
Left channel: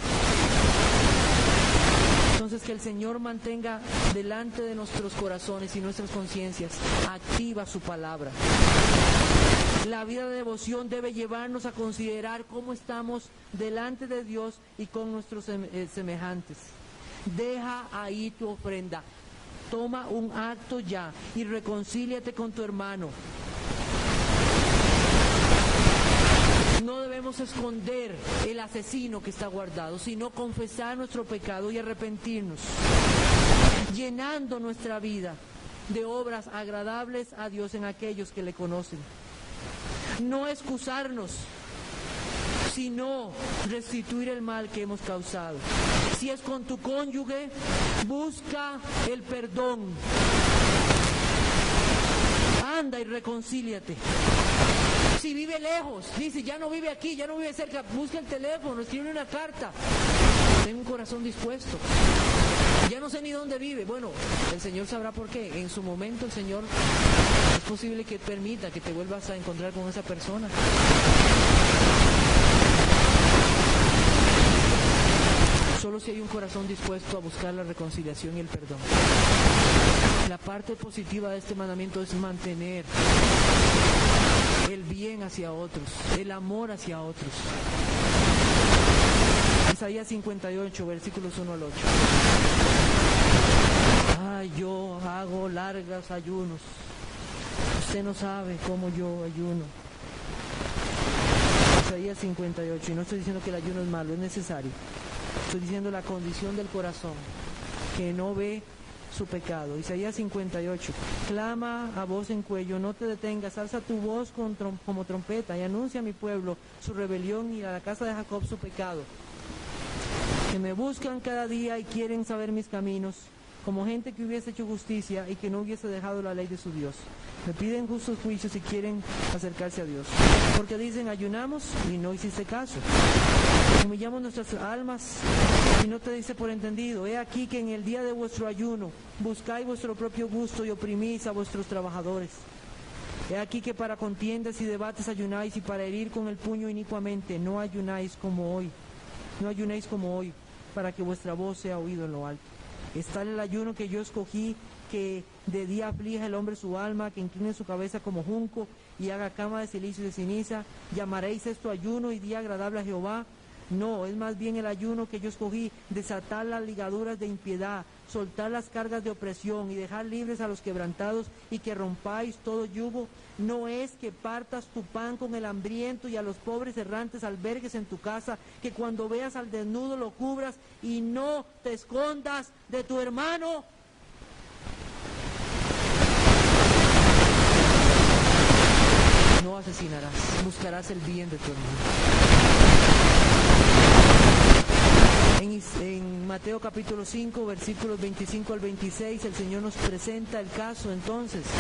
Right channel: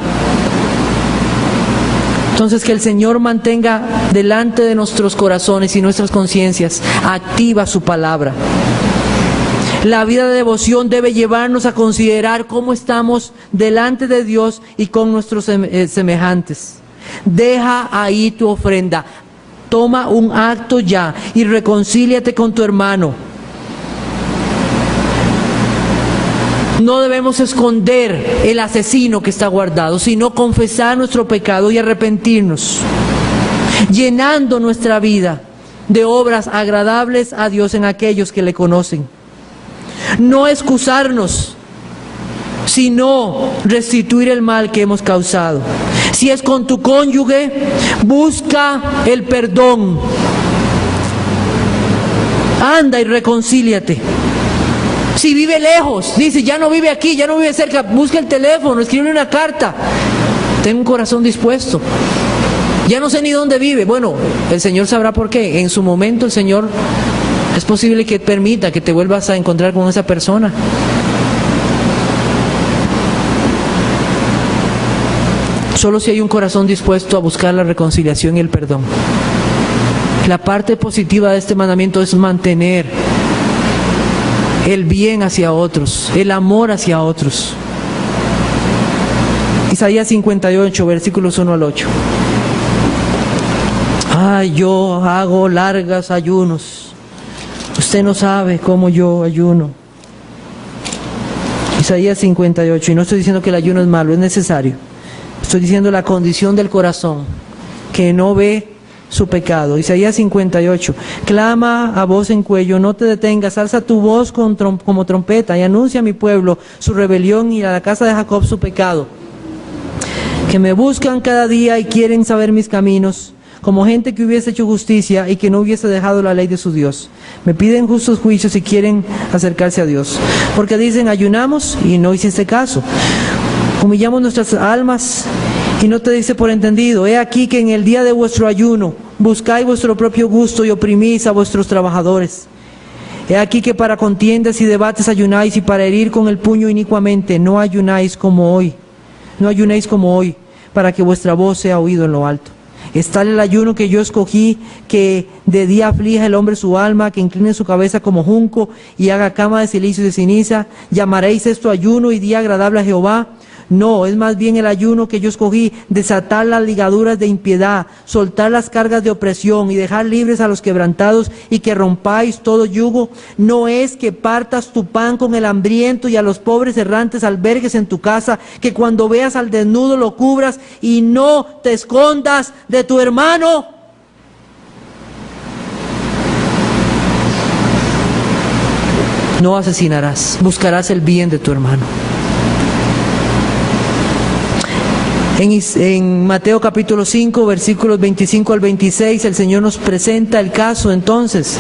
Entonces, que el Señor mantenga delante de nuestros corazones y nuestras conciencias activa su palabra. La vida de devoción debe llevarnos a considerar cómo estamos delante de Dios y con nuestros semejantes. Deja ahí tu ofrenda. Toma un acto ya y reconcíliate con tu hermano. No debemos esconder el asesino que está guardado, sino confesar nuestro pecado y arrepentirnos, llenando nuestra vida de obras agradables a Dios en aquellos que le conocen. No excusarnos, sino restituir el mal que hemos causado. Si es con tu cónyuge, busca el perdón. Anda y reconcíliate. Si vive lejos, dice, ya no vive aquí, ya no vive cerca, busca el teléfono, escribe una carta. Ten un corazón dispuesto. Ya no sé ni dónde vive. Bueno, el Señor sabrá por qué. En su momento el Señor es posible que permita que te vuelvas a encontrar con esa persona. Solo si hay un corazón dispuesto a buscar la reconciliación y el perdón. La parte positiva de este mandamiento es mantener el bien hacia otros, el amor hacia otros. Isaías 58, versículos 1 al 8. Ay, yo hago largas ayunos. Usted no sabe cómo yo ayuno. Isaías 58, y no estoy diciendo que el ayuno es malo, es necesario. Estoy diciendo la condición del corazón, que no ve su pecado. Isaías 58, clama a voz en cuello, no te detengas, alza tu voz como trompeta y anuncia a mi pueblo su rebelión y a la casa de Jacob su pecado. Que me buscan cada día y quieren saber mis caminos, como gente que hubiese hecho justicia y que no hubiese dejado la ley de su Dios. Me piden justos juicios y quieren acercarse a Dios. Porque dicen, ayunamos y no hiciste caso. Humillamos nuestras almas y no te dice por entendido. He aquí que en el día de vuestro ayuno buscáis vuestro propio gusto y oprimís a vuestros trabajadores. He aquí que para contiendas y debates ayunáis, y para herir con el puño inicuamente no ayunáis como hoy. No ayunéis como hoy, para que vuestra voz sea oído en lo alto. Es tal el ayuno que yo escogí, que de día aflija el hombre su alma, que incline su cabeza como junco y haga cama de cilicio y de ceniza. ¿Llamaréis esto ayuno y día agradable a Jehová? No, es más bien el ayuno que yo escogí, desatar las ligaduras de impiedad, soltar las cargas de opresión y dejar libres a los quebrantados, y que rompáis todo yugo. No es que partas tu pan con el hambriento y a los pobres errantes albergues en tu casa, que cuando veas al desnudo lo cubras y no te escondas de tu hermano. No asesinarás, buscarás el bien de tu hermano. En Mateo capítulo 5, versículos 25 al 26, el Señor nos presenta el caso entonces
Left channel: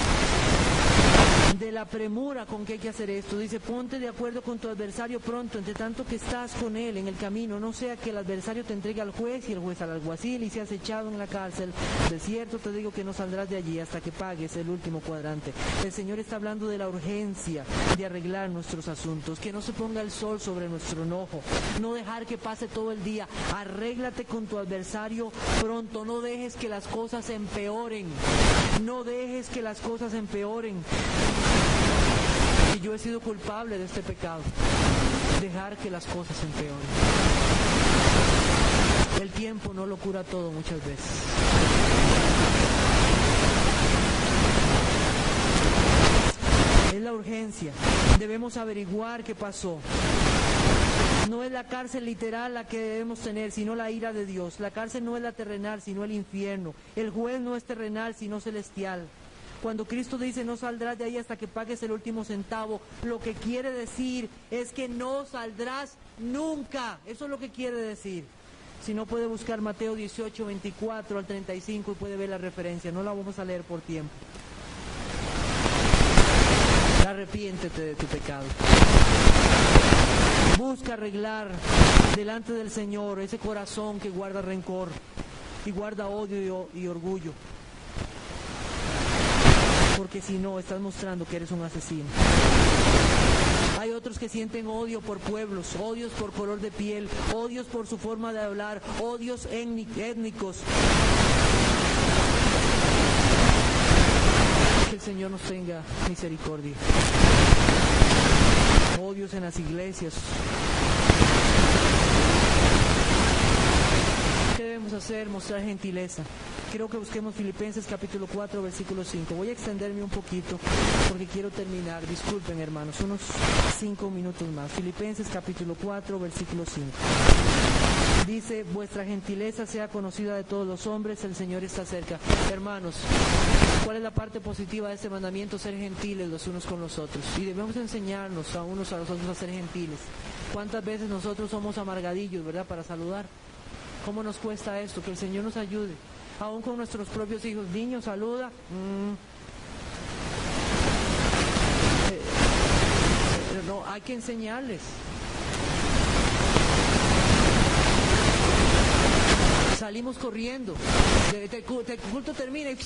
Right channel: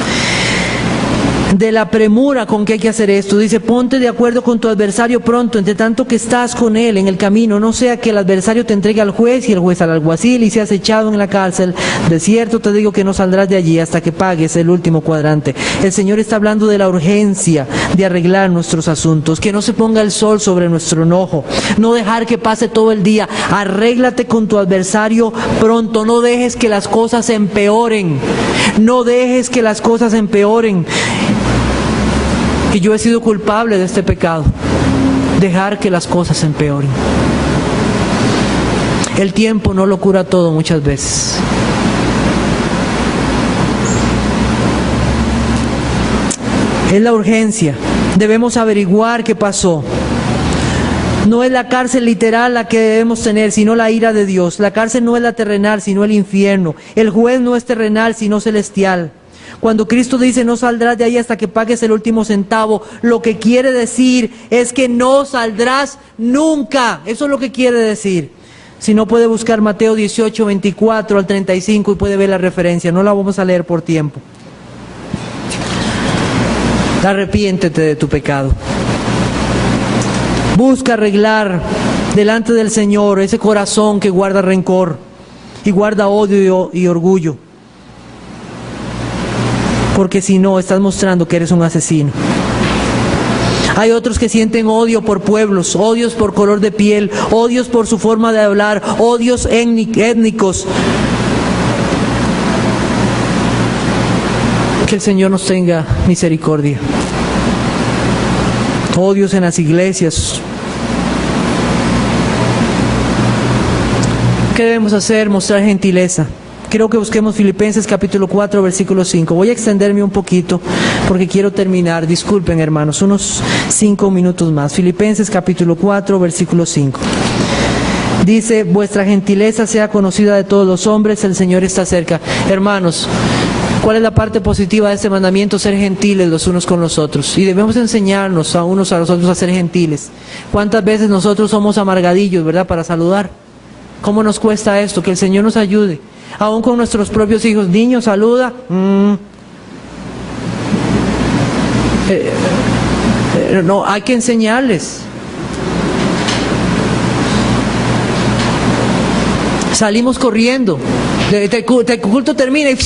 de la premura con que hay que hacer esto. Dice, ponte de acuerdo con tu adversario pronto, entre tanto que estás con él en el camino, no sea que el adversario te entregue al juez y el juez al alguacil y seas echado en la cárcel. De cierto te digo que no saldrás de allí hasta que pagues el último cuadrante. El Señor está hablando de la urgencia de arreglar nuestros asuntos, que no se ponga el sol sobre nuestro enojo, no dejar que pase todo el día. Arréglate con tu adversario pronto, no dejes que las cosas empeoren, no dejes que las cosas empeoren. Y yo he sido culpable de este pecado, dejar que las cosas empeoren. El tiempo no lo cura todo muchas veces. Es la urgencia. Debemos averiguar qué pasó. No es la cárcel literal la que debemos tener, sino la ira de Dios. La cárcel no es la terrenal, sino el infierno. El juez no es terrenal, sino celestial. Cuando Cristo dice no saldrás de ahí hasta que pagues el último centavo, lo que quiere decir es que no saldrás nunca. Eso es lo que quiere decir. Si no, puede buscar Mateo 18, 24 al 35 y puede ver la referencia. No la vamos a leer por tiempo. Arrepiéntete de tu pecado. Busca arreglar delante del Señor ese corazón que guarda rencor y guarda odio y orgullo. Porque si no, estás mostrando que eres un asesino. Hay otros que sienten odio por pueblos, odios por color de piel, odios por su forma de hablar, odios étnicos. Que el Señor nos tenga misericordia. Odios en las iglesias. ¿Qué debemos hacer? Mostrar gentileza. Creo que busquemos Filipenses capítulo 4, versículo 5. Voy a extenderme un poquito porque quiero terminar. Disculpen, hermanos, unos 5 minutos más. Filipenses capítulo 4, versículo 5. Dice, vuestra gentileza sea conocida de todos los hombres, el Señor está cerca. Hermanos, ¿cuál es la parte positiva de este mandamiento? Ser gentiles los unos con los otros. Y debemos enseñarnos a unos a los otros a ser gentiles. ¿Cuántas veces nosotros somos amargadillos, verdad, para saludar? ¿Cómo nos cuesta esto? Que el Señor nos ayude. Aún con nuestros propios hijos, niños, saluda. No, hay que enseñarles. Salimos corriendo. El culto termina y...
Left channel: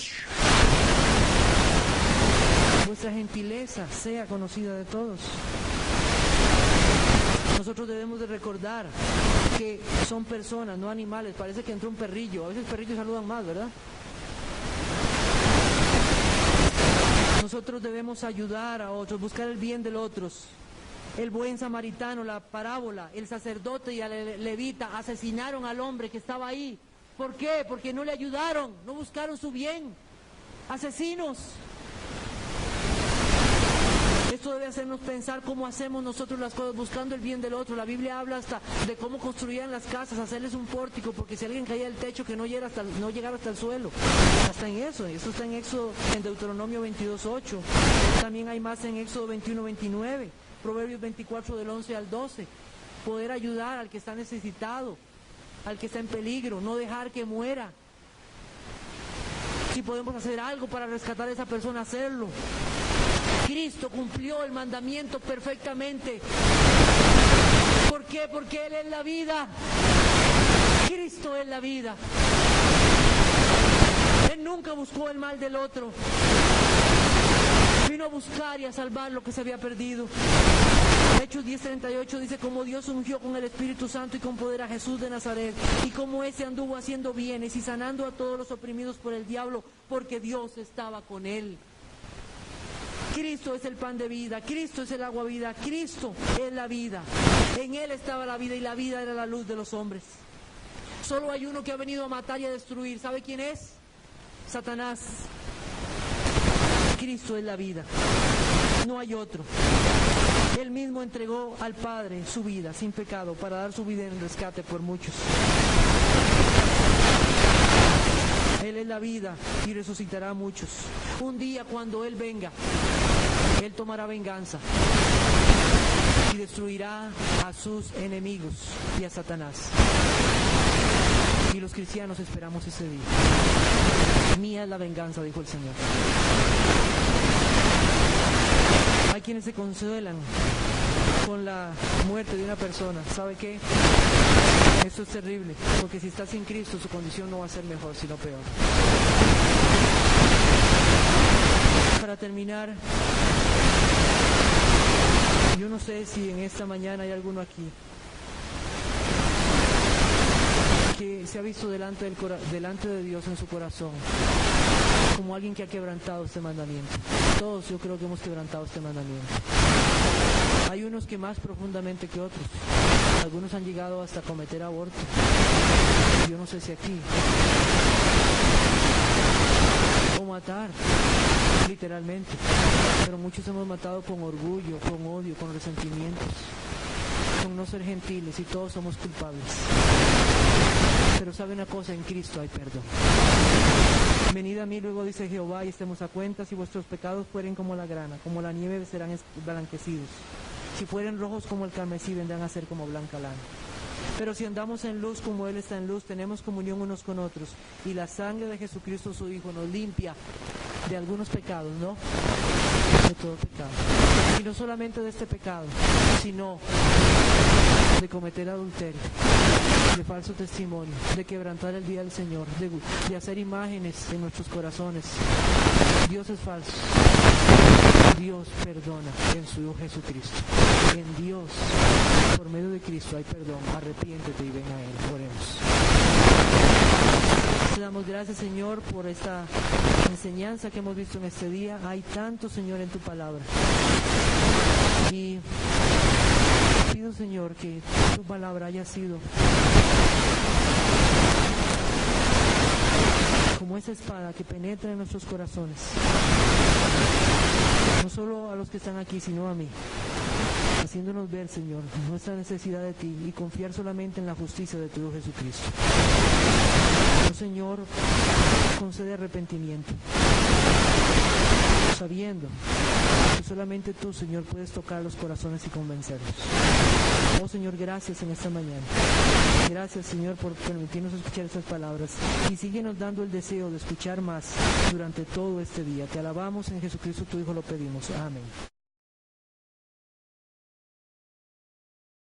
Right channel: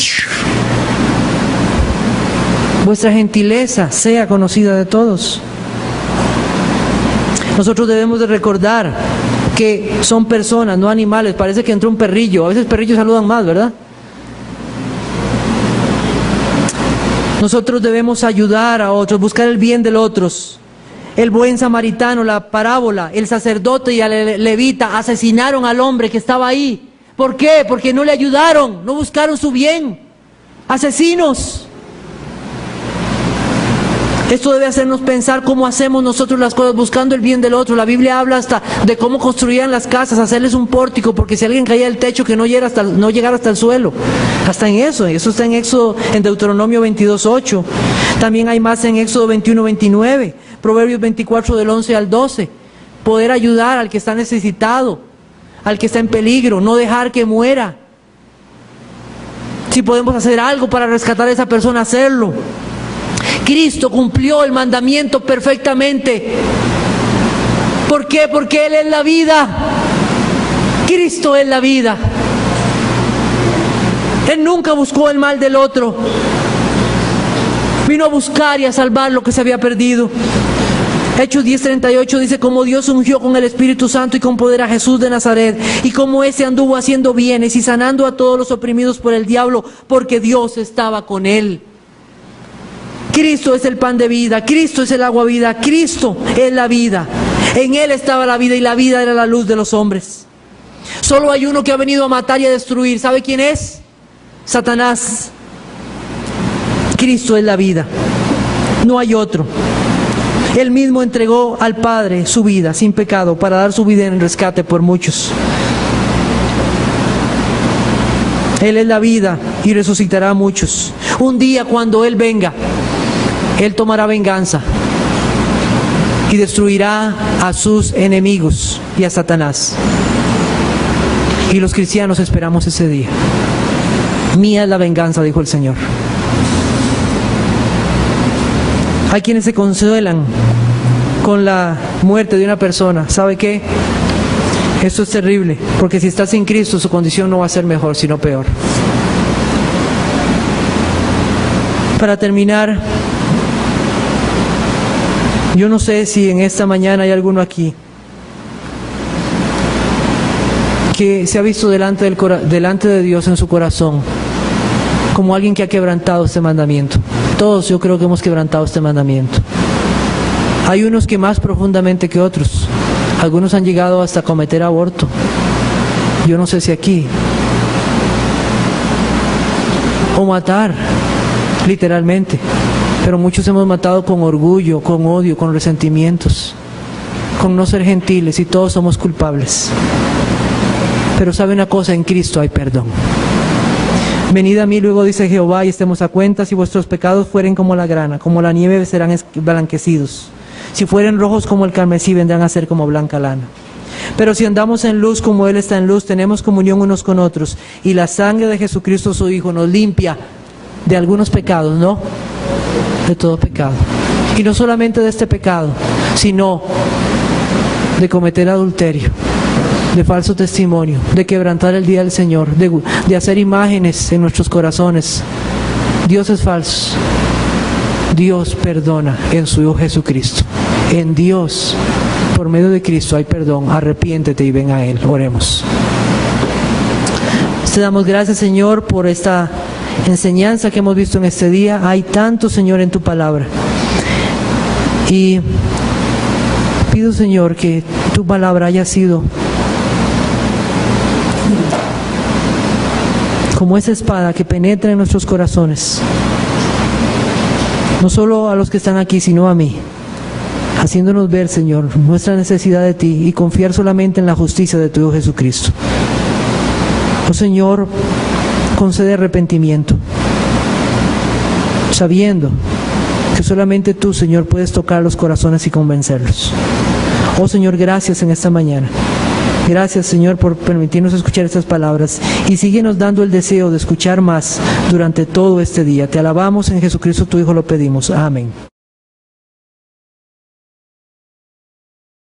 Vuestra gentileza sea conocida de todos. Nosotros debemos de recordar que son personas, no animales. Parece que entró un perrillo. A veces perrillos saludan más, ¿verdad? Nosotros debemos ayudar a otros, buscar el bien de otros. El buen samaritano, la parábola, el sacerdote y el levita asesinaron al hombre que estaba ahí. ¿Por qué? Porque no le ayudaron, no buscaron su bien. Asesinos. Esto debe hacernos pensar cómo hacemos nosotros las cosas, buscando el bien del otro. La Biblia habla hasta de cómo construían las casas, hacerles un pórtico, porque si alguien caía del techo que no llegara hasta el suelo. Hasta en eso está en Éxodo, en Deuteronomio 22:8. También hay más en Éxodo 21:29, Proverbios 24 del 11 al 12. Poder ayudar al que está necesitado, al que está en peligro, no dejar que muera. Si podemos hacer algo para rescatar a esa persona, hacerlo. Cristo cumplió el mandamiento perfectamente. ¿Por qué? Porque Él es la vida. Cristo es la vida. Él nunca buscó el mal del otro. Vino a buscar y a salvar lo que se había perdido. Hechos 10:38 dice, como Dios ungió con el Espíritu Santo y con poder a Jesús de Nazaret, y como ese anduvo haciendo bienes y sanando a todos los oprimidos por el diablo, porque Dios estaba con él. Cristo es el pan de vida, Cristo es el agua vida, Cristo es la vida. En Él estaba la vida y la vida era la luz de los hombres. Solo hay uno que ha venido a matar y a destruir. ¿Sabe quién es? Satanás. Cristo es la vida. No hay otro. Él mismo entregó al Padre su vida sin pecado para dar su vida en rescate por muchos. Él es la vida y resucitará a muchos. Un día cuando Él venga, Él tomará venganza y destruirá a sus enemigos y a Satanás. Y los cristianos esperamos ese día. Mía es la venganza, dijo el Señor. Hay quienes se consuelan con la muerte de una persona. ¿Sabe qué? Esto es terrible, porque si está sin Cristo, su condición no va a ser mejor, sino peor. Para terminar, yo no sé si en esta mañana hay alguno aquí que se ha visto delante de Dios en su corazón como alguien que ha quebrantado este mandamiento. Todos yo creo que hemos quebrantado este mandamiento. Hay unos que más profundamente que otros. Algunos han llegado hasta cometer aborto. Yo no sé si aquí. O matar, literalmente. Pero muchos hemos matado con orgullo, con odio, con resentimientos, con no ser gentiles, y todos somos culpables. Pero sabe una cosa, en Cristo hay perdón. Venid a mí, luego dice Jehová, y estemos a cuenta. Si vuestros pecados fueren como la grana, como la nieve serán blanquecidos. Si fueren rojos como el carmesí, vendrán a ser como blanca lana. Pero si andamos en luz como Él está en luz, tenemos comunión unos con otros, y la sangre de Jesucristo su Hijo nos limpia de algunos pecados, ¿no? De todo pecado. Y no solamente de este pecado, sino de cometer adulterio, de falso testimonio, de quebrantar el día del Señor, de hacer imágenes en nuestros corazones. Dios es falso. Dios perdona en su Hijo Jesucristo. En Dios, por medio de Cristo, hay perdón. Arrepiéntete y ven a Él. Oremos. Te damos gracias, Señor, por esta enseñanza que hemos visto en este día. Hay tanto, Señor, en tu palabra. Y pido, Señor, que tu palabra haya sido como esa espada que penetra en nuestros corazones. No solo a los que están aquí, sino a mí. Haciéndonos ver, Señor, nuestra necesidad de ti y confiar solamente en la justicia de tu Hijo Jesucristo. Oh Señor, concede arrepentimiento, sabiendo que solamente tú, Señor, puedes tocar los corazones y convencerlos. Oh Señor, gracias en esta mañana. Gracias, Señor, por permitirnos escuchar estas palabras, y síguenos dando el deseo de escuchar más durante todo este día. Te alabamos, en Jesucristo tu Hijo lo pedimos. Amén.